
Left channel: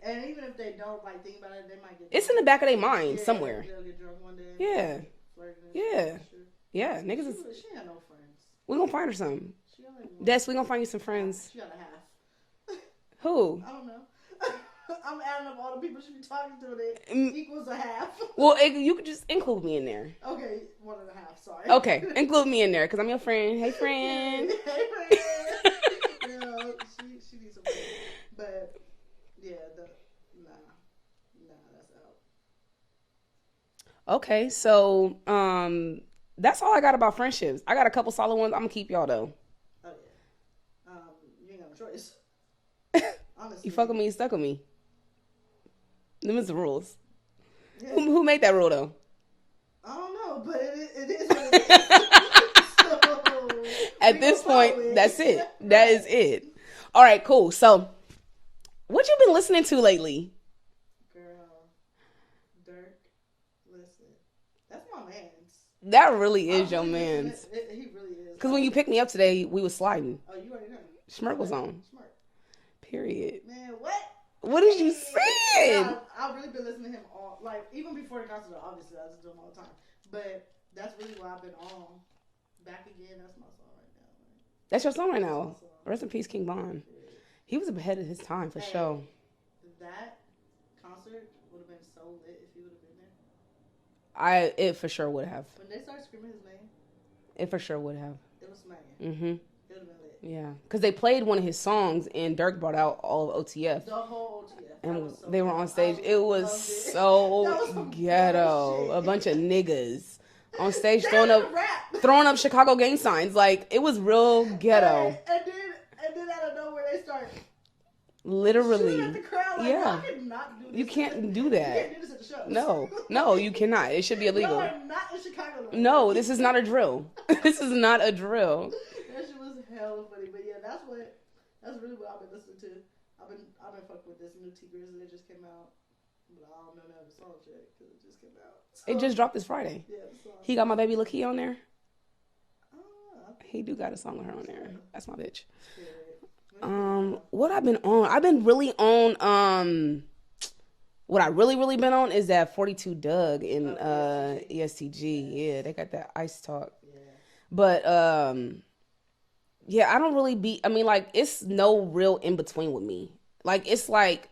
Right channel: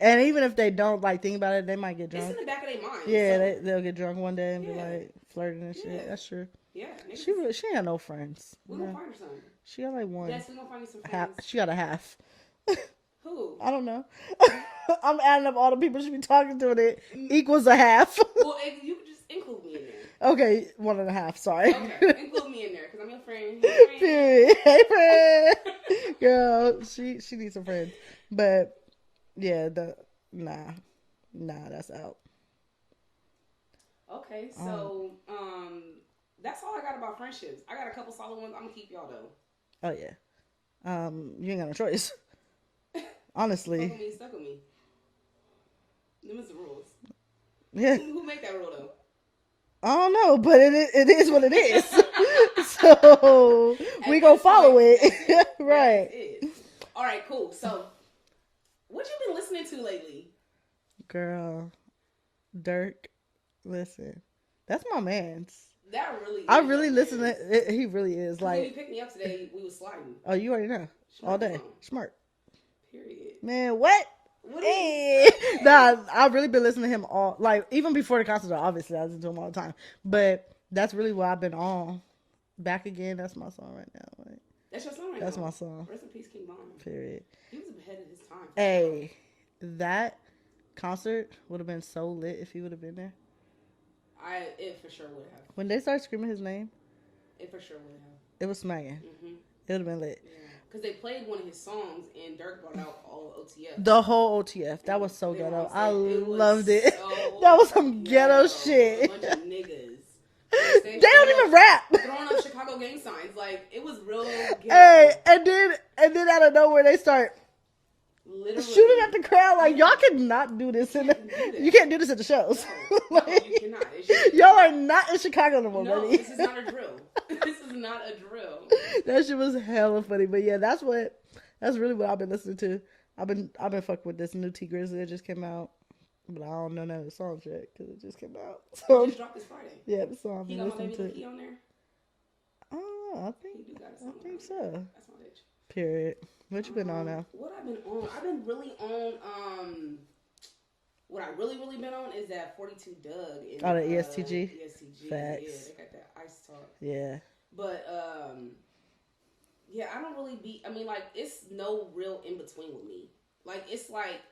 And even if they don't like think about it, they might get drunk. It's in the back of their mind somewhere. They'll get drunk one day and be like flirting and shit. Yeah, that's true. Yeah, niggas. She ain't got no friends. We gonna find her some. She got like one. Des, we gonna find you some friends. She got a half. Who? I don't know. I'm adding up all the people she be talking to and it equals a half. Well, you could just include me in there. Okay, 1.5. Sorry. Okay, include me in there because I'm your friend. Hey, friend. Hey, friend. Girl, she needs a friend. But yeah, nah, that's out. Okay, so that's all I got about friendships. I got a couple solid ones. I'm gonna keep y'all though. Oh yeah. You ain't got no choice. Honestly, you fuck with me, you stuck with me. Them is the rules. Yeah. Who made that rule though? I don't know, but it is what it is. So we gonna follow it. That's it. Right. That is it. All right, cool. So, what you been listening to lately? Girl, Dirk. Listen, that's my man's. That really is. I really listen to it. He really is. Because when you picked me up today, we was sliding. Oh, you already know. Smart was on. Smart. Period. Man, what? What did you say? Nah, I've really been listening to him all, like, even before the concert, obviously, I listen to him all the time. But that's really what I've been on. Back Again, that's my song right now. Like, that's your song right now? That's my song. Rest in peace, King Von. Period. He was ahead of his time, for sure. That concert would have been so lit if he would have been there. It for sure would have. When they started screaming his name, it for sure would have. It was smacking. Mm-hmm. It would have been lit. Yeah, because they played one of his songs and Dirk brought out all of OTF. The whole OTF. That was so. They were on stage. It was loved it. So that was some ghetto shit. A bunch of niggas on stage. They don't even rap. Throwing up Chicago gang signs. Like it was real ghetto. Hey, and then out of nowhere they start. Literally shooting at the crowd like y'all cannot do this. You can't do that. You can't do this at the shows. No, you cannot. It should be illegal. Y'all are not in Chicago no more. No, this is not a drill. This is not a drill. That shit was hella funny, but yeah, that's really what I've been listening to. I've been fucking with this new T Grizzly that just came out, but I don't know none of the songs yet because it just came out. So, it just dropped this Friday. Yeah, the song. He got My Baby Lakia on there. Oh, he do got a song with her on there. That's my bitch. Period. What you been on now? What I've been on? I've been really on. What I really been on is that 42 Doug in the ESTG. ESTG. Facts. Yeah, they got that ice talk. Yeah. But yeah, I don't really be. I mean, like it's no real in between with me. Like it's like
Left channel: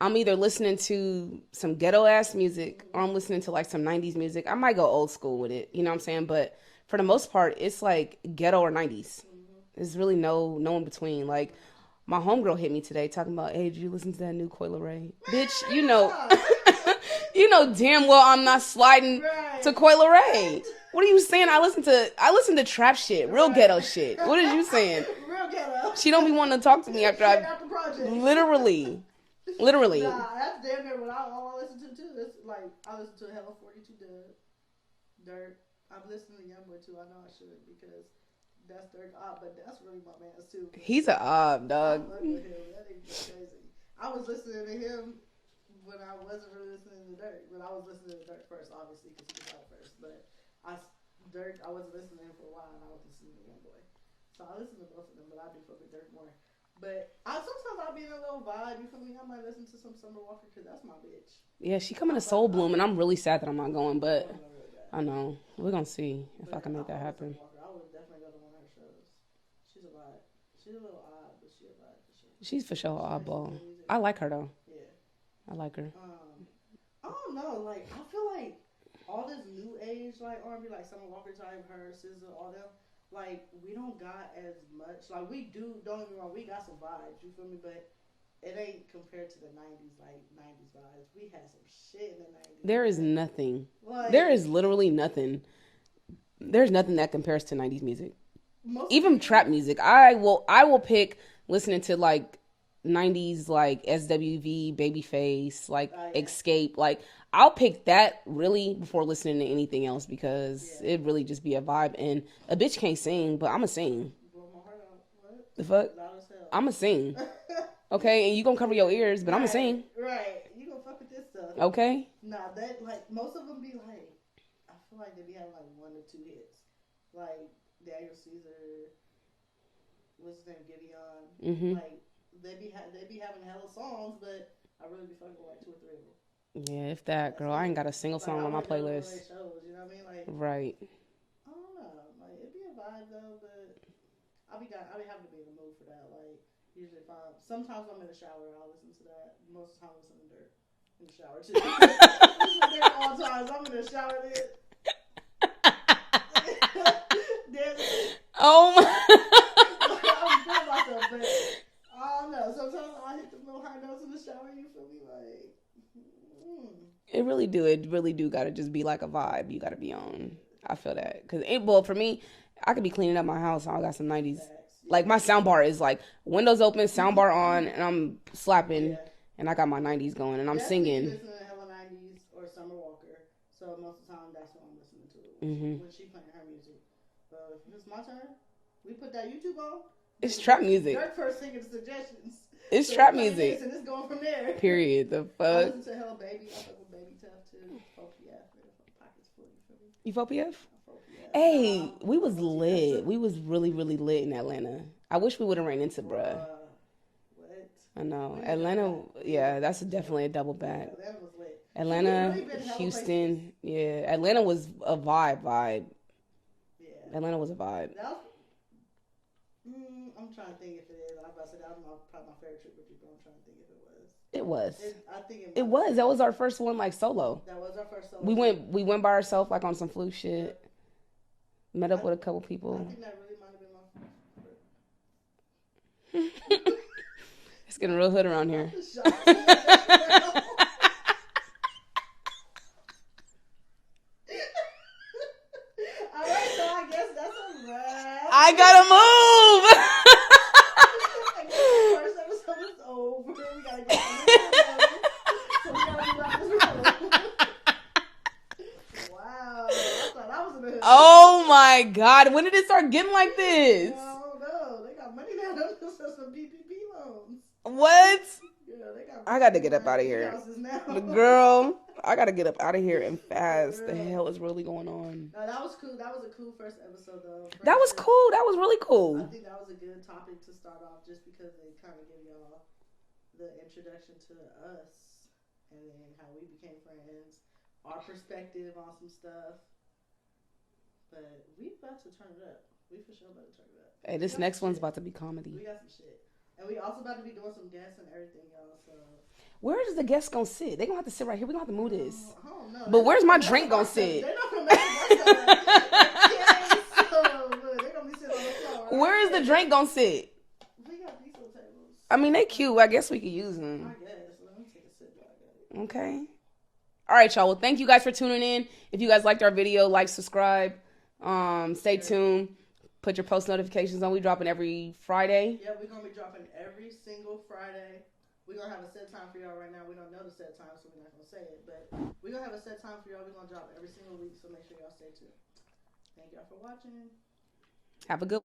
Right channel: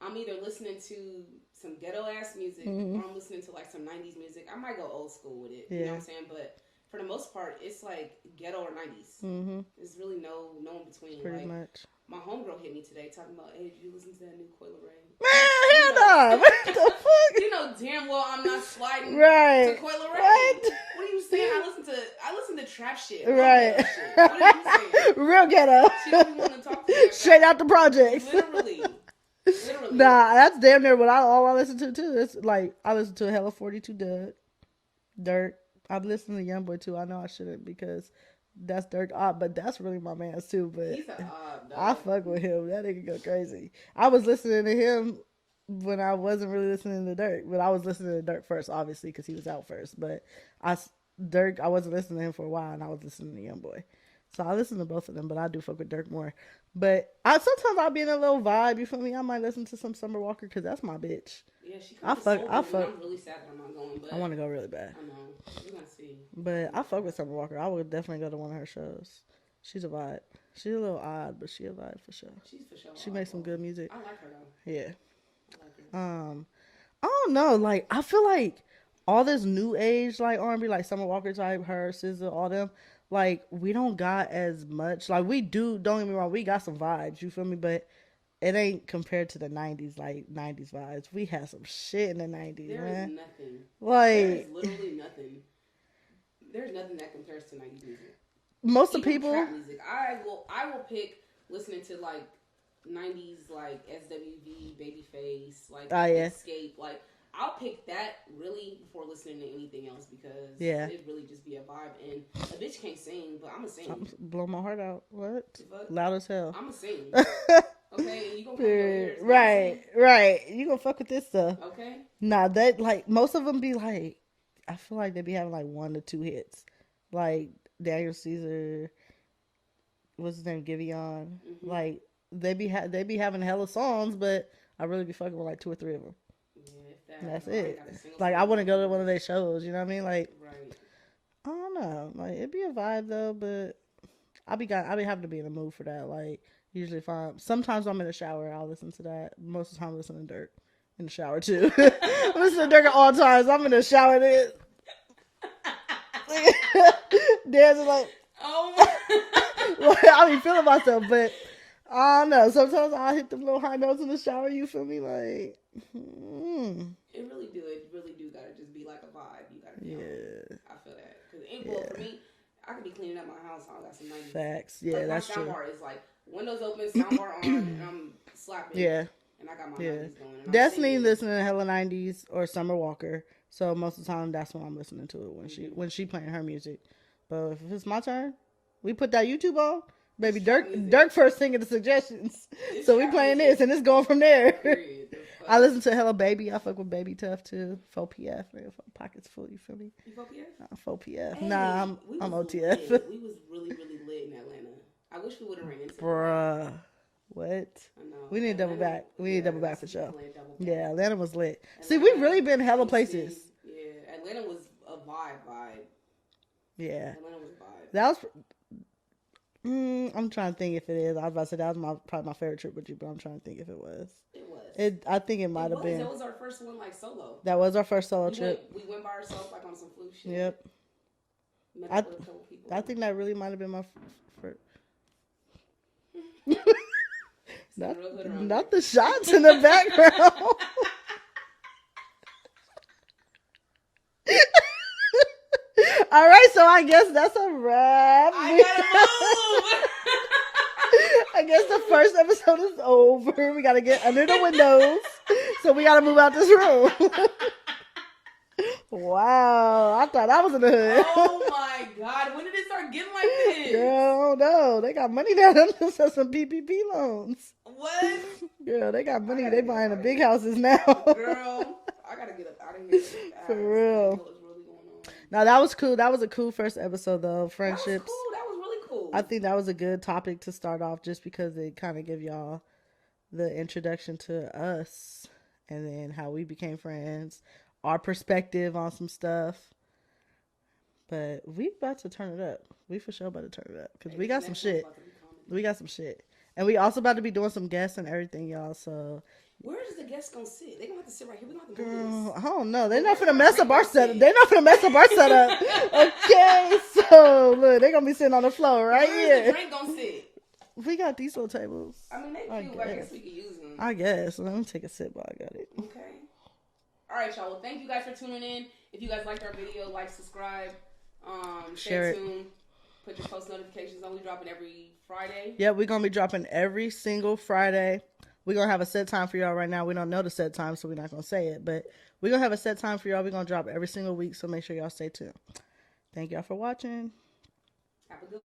I'm either listening to some ghetto ass music or I'm listening to like some 90s music. I might go old school with it. Yeah. You know what I'm saying? But for the most part, it's like ghetto or 90s. Mm-hmm. There's really no in between. Pretty like much. My homegirl hit me today talking about, hey, did you listen to that new Coil Ray? Bitch, you know damn well I'm not sliding to Coil Ray. What are you saying? I listen to trap shit, real ghetto shit. What are you saying? Real ghetto. She don't be wanting to talk to me after straight out the project. Literally. Nah, that's damn near what all I listen to too. It's like I listen to hella 42 Doug, Dirk, I've listened to YoungBoy too. I know I shouldn't because that's Dirk Opp, but that's really my man's too. But He's a dog. I fuck with him. That nigga go crazy. I was listening to him when I wasn't really listening to Dirk, but I was listening to Dirk first, obviously, because he was out first. But Dirk, I wasn't listening to him for a while, and I was listening to YoungBoy. So I listen to both of them, but I do fuck with Dirk more. But sometimes I'll be in a little vibe. You feel me? I might listen to some Summer Walker because that's my bitch. Yeah, she coming to Soul Bloom, and I'm really sad that I'm not going. But I want to go really bad. I know we're gonna see. But I fuck with Summer Walker. I would definitely go to one of her shows. She's a vibe. She's a little odd, but she a vibe for sure. She's for sure. She makes some good music. I like her though. Yeah, I like her. I don't know. Like I feel like all this new age like R&B, like Summer Walker type, her, SZA, all them. Like we don't got as much. Like we do. Don't get me wrong. We got some vibes. You feel me? But it ain't compared to the 90s. Like 90s vibes. We had some shit in the 90s. There is nothing. Like there is literally nothing. There's nothing that compares to 90s music. Most even people, trap music. I will pick listening to like 90s like SWV, Babyface, like Escape. Like I'll pick that really before listening to anything else because it really just be a vibe. And a bitch can't sing, but I'ma sing. Blow my heart out. What the fuck? Loud as hell. I'ma sing. Okay, and you gonna cover your ears, but I'ma sing. Right, you gonna fuck with this stuff. Okay. Nah, that like most of them be like, I feel like they be having like 1 to 2 hits, like Daniel Caesar, what's his name, Giveon. Mm-hmm. Like they be having hella songs, but I really be fucking with like 2 or 3 of them. Yeah, if that, girl, I ain't got a single song. Like I want to go to one of their shows. You know what I mean? Like, right. I don't know. Like it'd be a vibe though, but I be having to be in the mood for that. Like usually if sometimes I'm in the shower, I'll listen to that. Most of the time, I listen to Dirk in the shower too. Listen to Dirk at all times. I'm in the shower. Dancing like, oh my. I be feeling myself, but I don't know. Sometimes I hit them little high notes in the shower. You feel me? Like, It really do gotta just be like a vibe. You gotta be on. Yeah. I feel that because for me, I could be cleaning up my house. I got some 90s. Facts. Yeah, like my sound bar is like windows open, sound bar on, and I'm slapping. Yeah. And I got my 90s going, and I'm definitely singing. Listening to hella 90s or Summer Walker. So most of the time, that's when I'm listening to it when she playing her music. But if it's my turn, we put that YouTube on. Baby, Dirk first singing the suggestions. It's so we playing this and it's going from there. Period. The fuck? I listen to hella Baby. I fuck with Baby Tough too. 4PF. Pockets full. You feel me? You 4PF? 4PF. Hey, we was lit. We was really, really lit in Atlanta. I wish we would have ran into bruh. What? I know. We need Atlanta, double back. That's definitely a double back. Yeah, Atlanta was lit. Atlanta, see, we've really been hella Houston, places. Yeah, Atlanta was a vibe. Yeah. Atlanta was a vibe. That was... I'm trying to think if it is. I was about to say that was probably my favorite trip with you, but I'm trying to think if it was. It was. I think it might have been. That was our first one, like, solo. That was our first solo trip. We went by ourselves, like, on some flu shit. Yep. Met up with a couple people. I think that really might have been my first. It's getting real hood around here. Not the shots in the background. All right, so I guess that's a wrap. I gotta move. I guess the first episode is over. We gotta get under the windows, so we gotta move out this room. Wow, I thought I was in the hood. Oh my God, when did it start getting like this? Oh no, they got money down there for some PPP loans. What? Girl, they got money. I gotta they get up out of big here. Houses now. Girl, I gotta get up out of here and fast. The hell is really going on? No, that was cool. That was a cool first episode though. That was cool. That was really cool. I think that was a good topic to start off just because it kind of give y'all the introduction to us and then how we became friends, our perspective on some stuff. But we about to turn it up. We for sure about to turn it up. Hey, we this got next some one's shit. about to be comedy. We got some shit. And we also about to be doing some guests and everything, y'all. So where is the guest gonna sit? They gonna have to sit right here. We gonna have to move this. I don't know. They're not gonna mess up our setup. They're not gonna mess up our setup. Okay, so look, they're gonna be sitting on the floor, right? Where is the drink gonna sit? We got these little tables. I mean, they cute. I guess we could use them. I guess. Let me take a sip while I got it. Okay. All right, y'all. Well, thank you guys for tuning in. If you guys liked our video, like, subscribe, stay tuned. Put your post notifications on. We dropping every Friday. Yeah, we're going to be dropping every single Friday. We're going to have a set time for y'all right now. We don't know the set time, so we're not going to say it. But we're going to have a set time for y'all. We're going to drop every single week, so make sure y'all stay tuned. Thank y'all for watching. Have a good